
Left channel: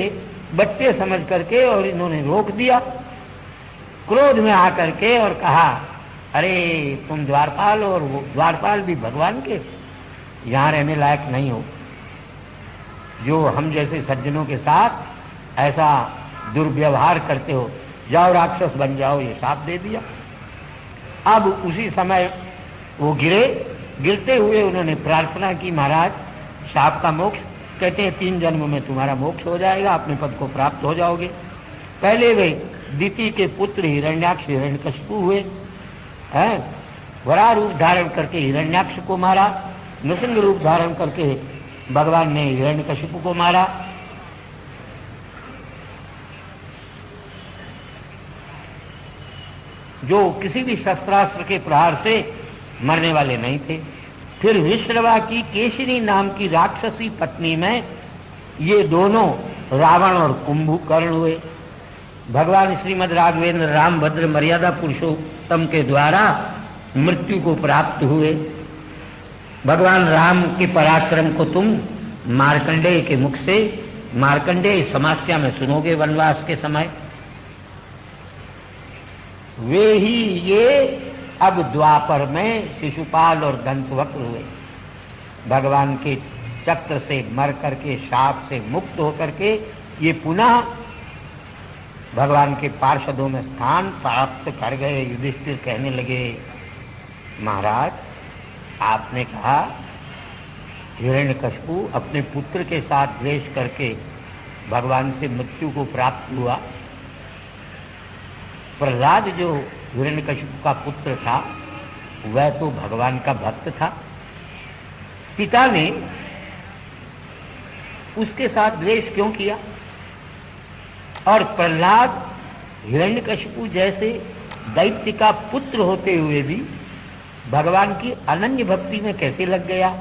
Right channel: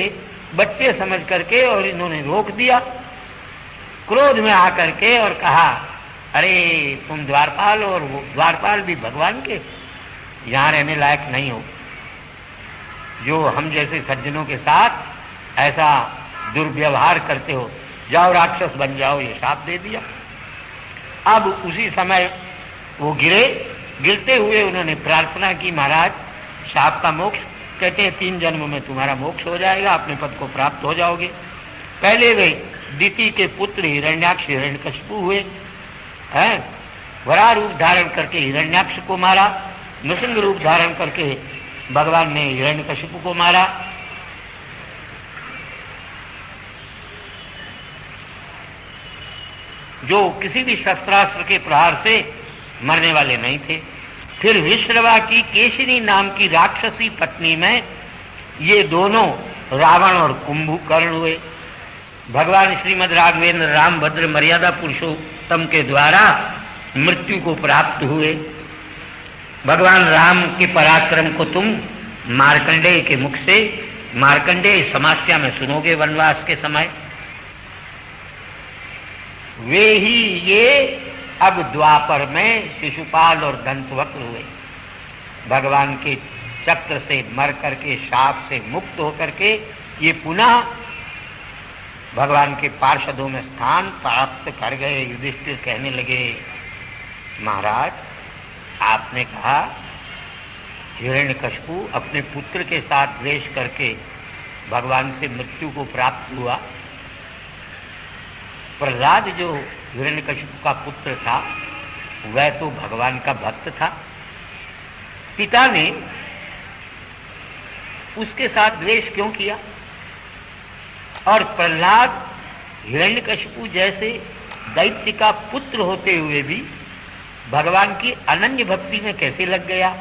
बच्चे समझ करके और इन्होंने रोक दिया, क्रोध में आकर के, और कहा अरे तुम द्वारपाल, और वो द्वारपाल भी भगवान के, यहाँ रहने लायक नहीं हो। जो हम जैसे सज्जनों के साथ ऐसा दुर्व्यवहार करते हो, जाओ राक्षस बन जाओ, ये शाप दे दिया। अब उसी समय वो गिरे। गिरते हुए उन्होंने प्रार्थना की, महाराज शाप का मोक्ष। कहते हैं 3 जन्म में तुम्हारा मोक्ष हो जाएगा, अपने पद को प्राप्त हो जाओगे। पहले वे दिति के पुत्र हिरण्याक्ष हिरण्यकशिपु हुए हैं। वराह रूप धारण करके हिरण्याक्ष को मारा, नृसिंह रूप धारण करके भगवान ने हिरण्यकशिपु को मारा। जो किसी भी शस्त्रास्त्र के प्रहार से मरने वाले नहीं थे। फिर विश्रवा की केशिनी नाम की राक्षसी पत्नी में ये दोनों रावण और कुंभकर्ण हुए। भगवान श्रीमद् राघवेंद्र रामभद्र मर्यादा पुरुषोत्तम के द्वारा मृत्यु को प्राप्त हुए। भगवान राम के पराक्रम को तुम मार्कंडेय के मुख से, मार्कंडेय समास्या में सुनोगे वनवास के समय। वे ही ये अब द्वापर में शिशुपाल और दंतवक्र हुए। भगवान के चक्र से मर करके, शाप से मुक्त होकर के ये पुनः भगवान के पार्षदों में स्थान प्राप्त कर गए। युधिष्ठिर कहने लगे, महाराज आपने कहा हिरण्यकशिपु अपने पुत्र के साथ द्वेष करके भगवान से मृत्यु को प्राप्त हुआ। प्रहलाद जो हिरण्यकशिपु का पुत्र था, वह तो भगवान का भक्त था। पिता ने उसके साथ द्वेष क्यों किया? और प्रहलाद हिरण्यकशिपु जैसे दैत्य का पुत्र होते हुए भी भगवान की अनन्य भक्ति में कैसे लग गया?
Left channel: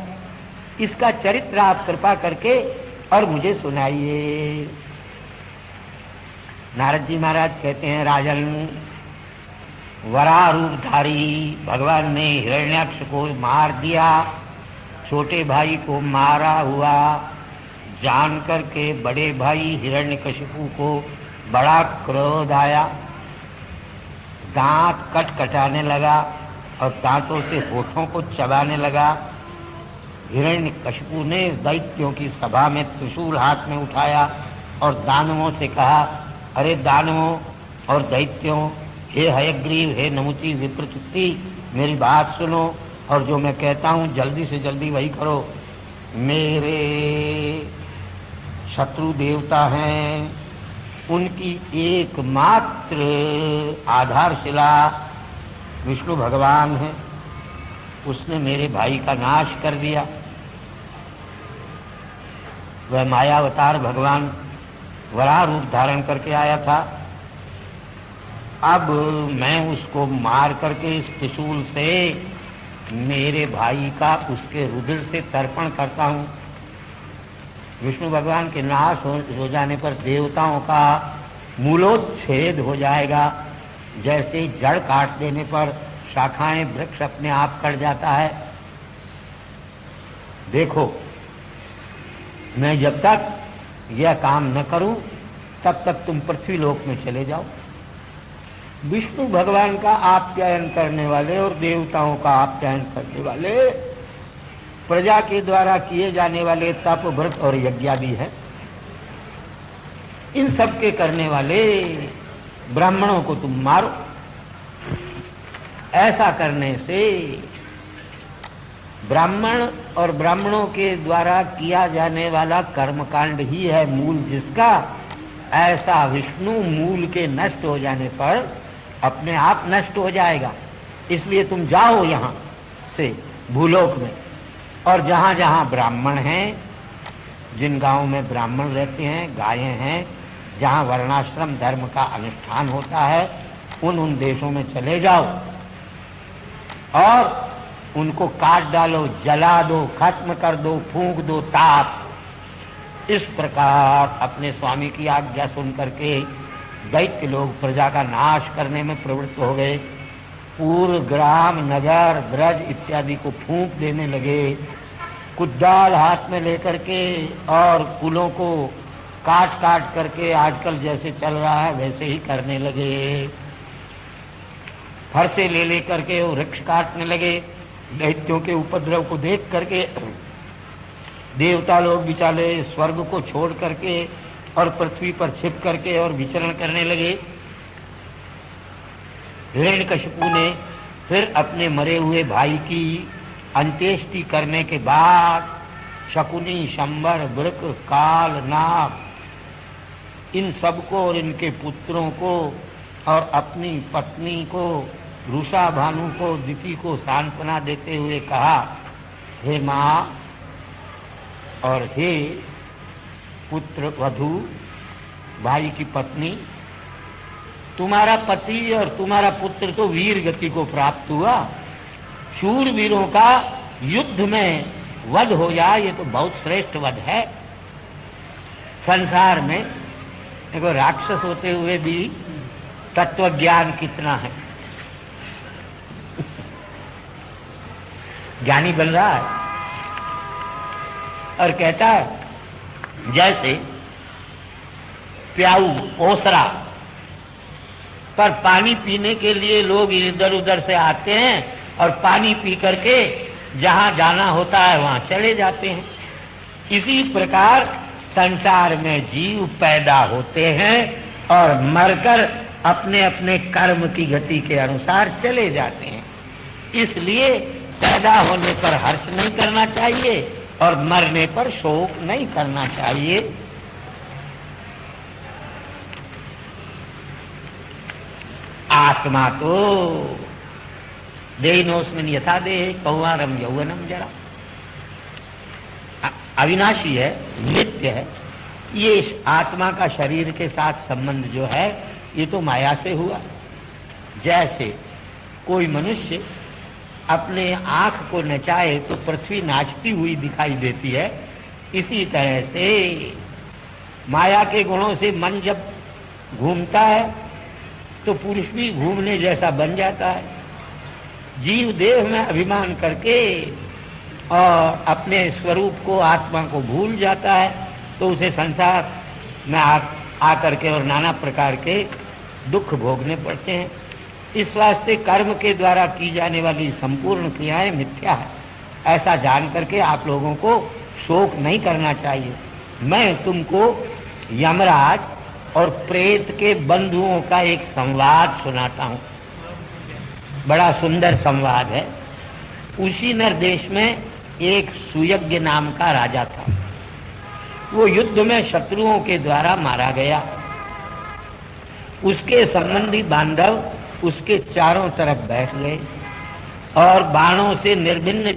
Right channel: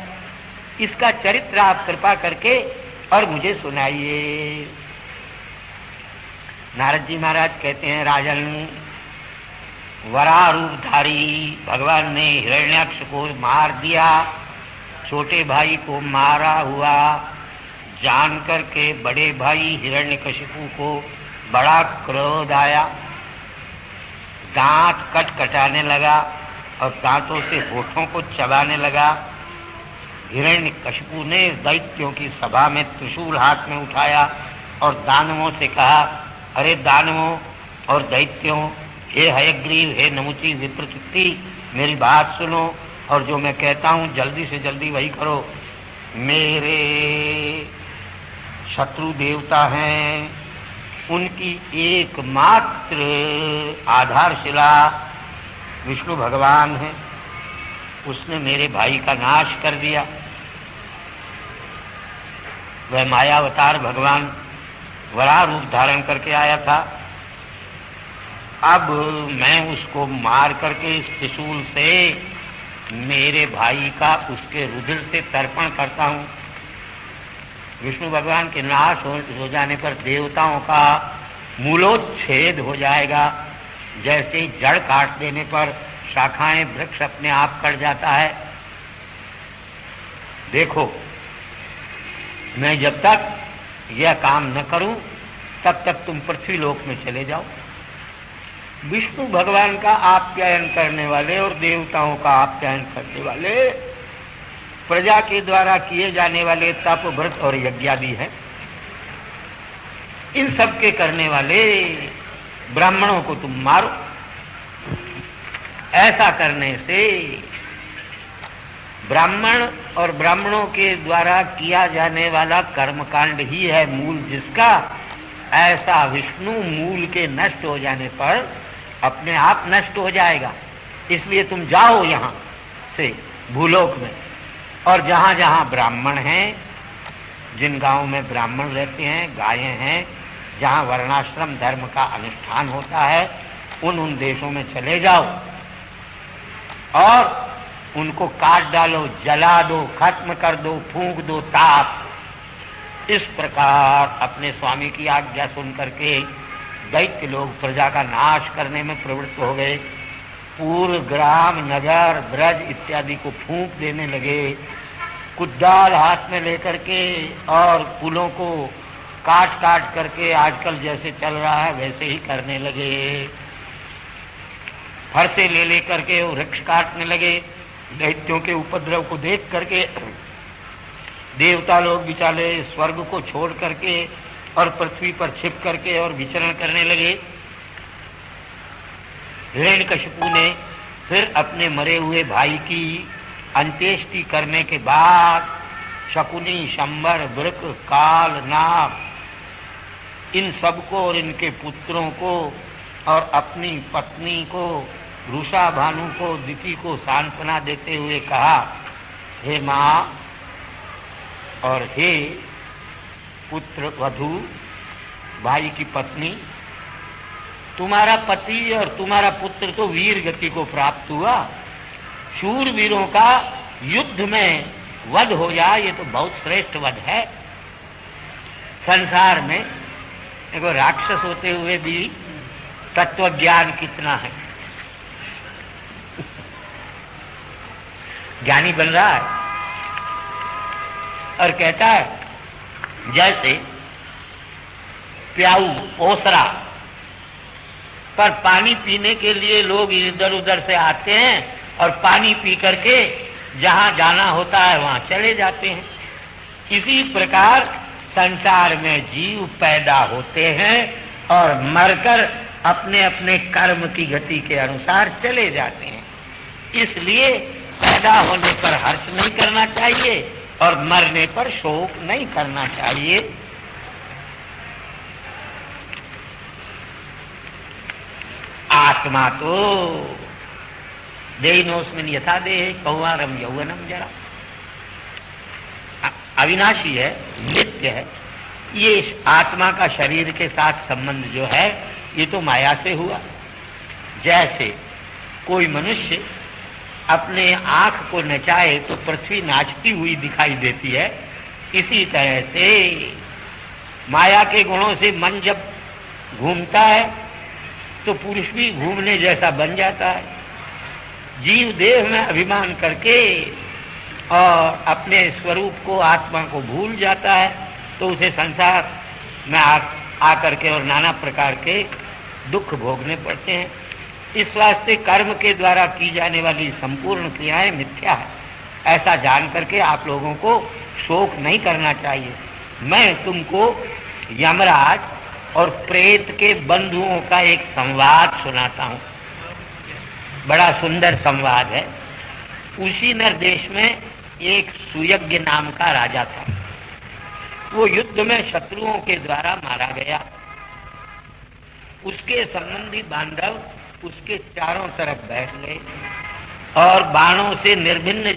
इसका चरित्र आप कृपा करके और मुझे सुनाइए। नारद जी महाराज कहते हैं, राजन वराह रूपधारी भगवान ने हिरण्याक्ष को मार दिया। छोटे भाई को मारा हुआ जान करके बड़े भाई हिरण्यकशिपु को बड़ा क्रोध आया। दांत कटकटाने लगा और दांतों से होठों को चबाने लगा। हिरण्यकशिपु ने दैत्यों की सभा में त्रिशूल हाथ में उठाया और दानवों से कहा, अरे दानवों और दैत्यों, हे हयग्रीव, हे नमुची विप्रकृति, मेरी बात सुनो और जो मैं कहता हूँ जल्दी से जल्दी वही करो। मेरे शत्रु देवता हैं, उनकी एकमात्र आधारशिला विष्णु भगवान है। उसने मेरे भाई का नाश कर दिया। वह मायावतार भगवान वराह रूप धारण करके आया था। अब मैं उसको मार करके इस त्रिशूल से मेरे भाई का उसके रुधिर से तर्पण करता हूँ। विष्णु भगवान के नाश हो जाने पर देवताओं का मूलोच्छेद हो जाएगा। जैसे जड़ काट देने पर शाखाएं वृक्ष अपने आप कट जाता है। देखो, मैं जब तक यह काम न करूं तब तक तुम पृथ्वी लोक में चले जाओ। विष्णु भगवान का आप्यायन करने वाले और देवताओं का आप्यायन करने वाले, प्रजा के द्वारा किए जाने वाले तप व्रत और यज्ञादि है, इन सब के करने वाले ब्राह्मणों को तुम मारो। ऐसा करने से ब्राह्मण और ब्राह्मणों के द्वारा किया जाने वाला कर्मकांड ही है मूल जिसका। ऐसा विष्णु मूल के नष्ट हो जाने पर अपने आप नष्ट हो जाएगा। इसलिए तुम जाओ यहाँ से भूलोक में, और जहाँ जहाँ ब्राह्मण हैं, जिन गांवों में ब्राह्मण रहते हैं, गायें हैं, जहाँ वर्णाश्रम धर्म का अनुष्ठान होता है, उन देशों में चले जाओ और उनको काट डालो, जला दो, खत्म कर दो, फूंक दो, ताप। इस प्रकार अपने स्वामी की आज्ञा सुन करके दैत्य लोग प्रजा का नाश करने में प्रवृत्त हो गए। पूर्व ग्राम, नगर, ब्रज इत्यादि को फूंक देने लगे। कुदाल हाथ में लेकर के और कुलों को काट काट करके आजकल जैसे चल रहा है वैसे ही करने लगे। फरसे ले लेकर के वो वृक्ष काटने लगे। दैत्यों के उपद्रव को देख करके देवता लोग बेचारे स्वर्ग को छोड़ करके और पृथ्वी पर छिप करके और विचरण करने लगे। हिरण्यकशिपु ने फिर अपने मरे हुए भाई की अंत्येष्टि करने के बाद शकुनी, शंबर, वृक, काल, नाग, इन सबको और इनके पुत्रों को और अपनी पत्नी को, रुषा भानु को, दिति को सांत्वना देते हुए कहा, हे माँ और हे पुत्र वधू, भाई की पत्नी, तुम्हारा पति और तुम्हारा पुत्र तो वीर गति को प्राप्त हुआ। शूरवीरों का युद्ध में वध हो जाए ये तो बहुत श्रेष्ठ वध है। संसार में देखो राक्षस होते हुए भी तत्व ज्ञान कितना है। ज्ञानी बन रहा है और कहता है जैसे प्याऊ, ओसरा पर पानी पीने के लिए लोग इधर उधर से आते हैं और पानी पी करके जहां जाना होता है वहां चले जाते हैं। इसी प्रकार संसार में जीव पैदा होते हैं और मरकर अपने अपने कर्म की गति के अनुसार चले जाते हैं। इसलिए पैदा होने पर हर्ष नहीं करना चाहिए और मरने पर शोक नहीं करना चाहिए। आत्मा तो देहिनोस्मिन् यथा देहे कौमारम यौवनम जरा, अविनाशी है, नित्य है। ये आत्मा का शरीर के साथ संबंध जो है ये तो माया से हुआ। जैसे कोई मनुष्य अपने आंख को नचाए तो पृथ्वी नाचती हुई दिखाई देती है, इसी तरह से माया के गुणों से मन जब घूमता है तो पुरुष भी घूमने जैसा बन जाता है। जीव देह में अभिमान करके और अपने स्वरूप को, आत्मा को भूल जाता है, तो उसे संसार में आकर के और नाना प्रकार के दुख भोगने पड़ते हैं। इस वास्ते कर्म के द्वारा की जाने वाली संपूर्ण क्रियाएं मिथ्या है। ऐसा जान करके आप लोगों को शोक नहीं करना चाहिए। मैं तुमको यमराज और प्रेत के बंधुओं का एक संवाद सुनाता हूँ। बड़ा सुंदर संवाद है। उसी नरदेश में एक सुयज्ञ नाम का राजा था। वो युद्ध में शत्रुओं के द्वारा मारा गया। उसके संबंधी बांधव उसके चारों तरफ बैठ गए और बाणों से निर्भिन्न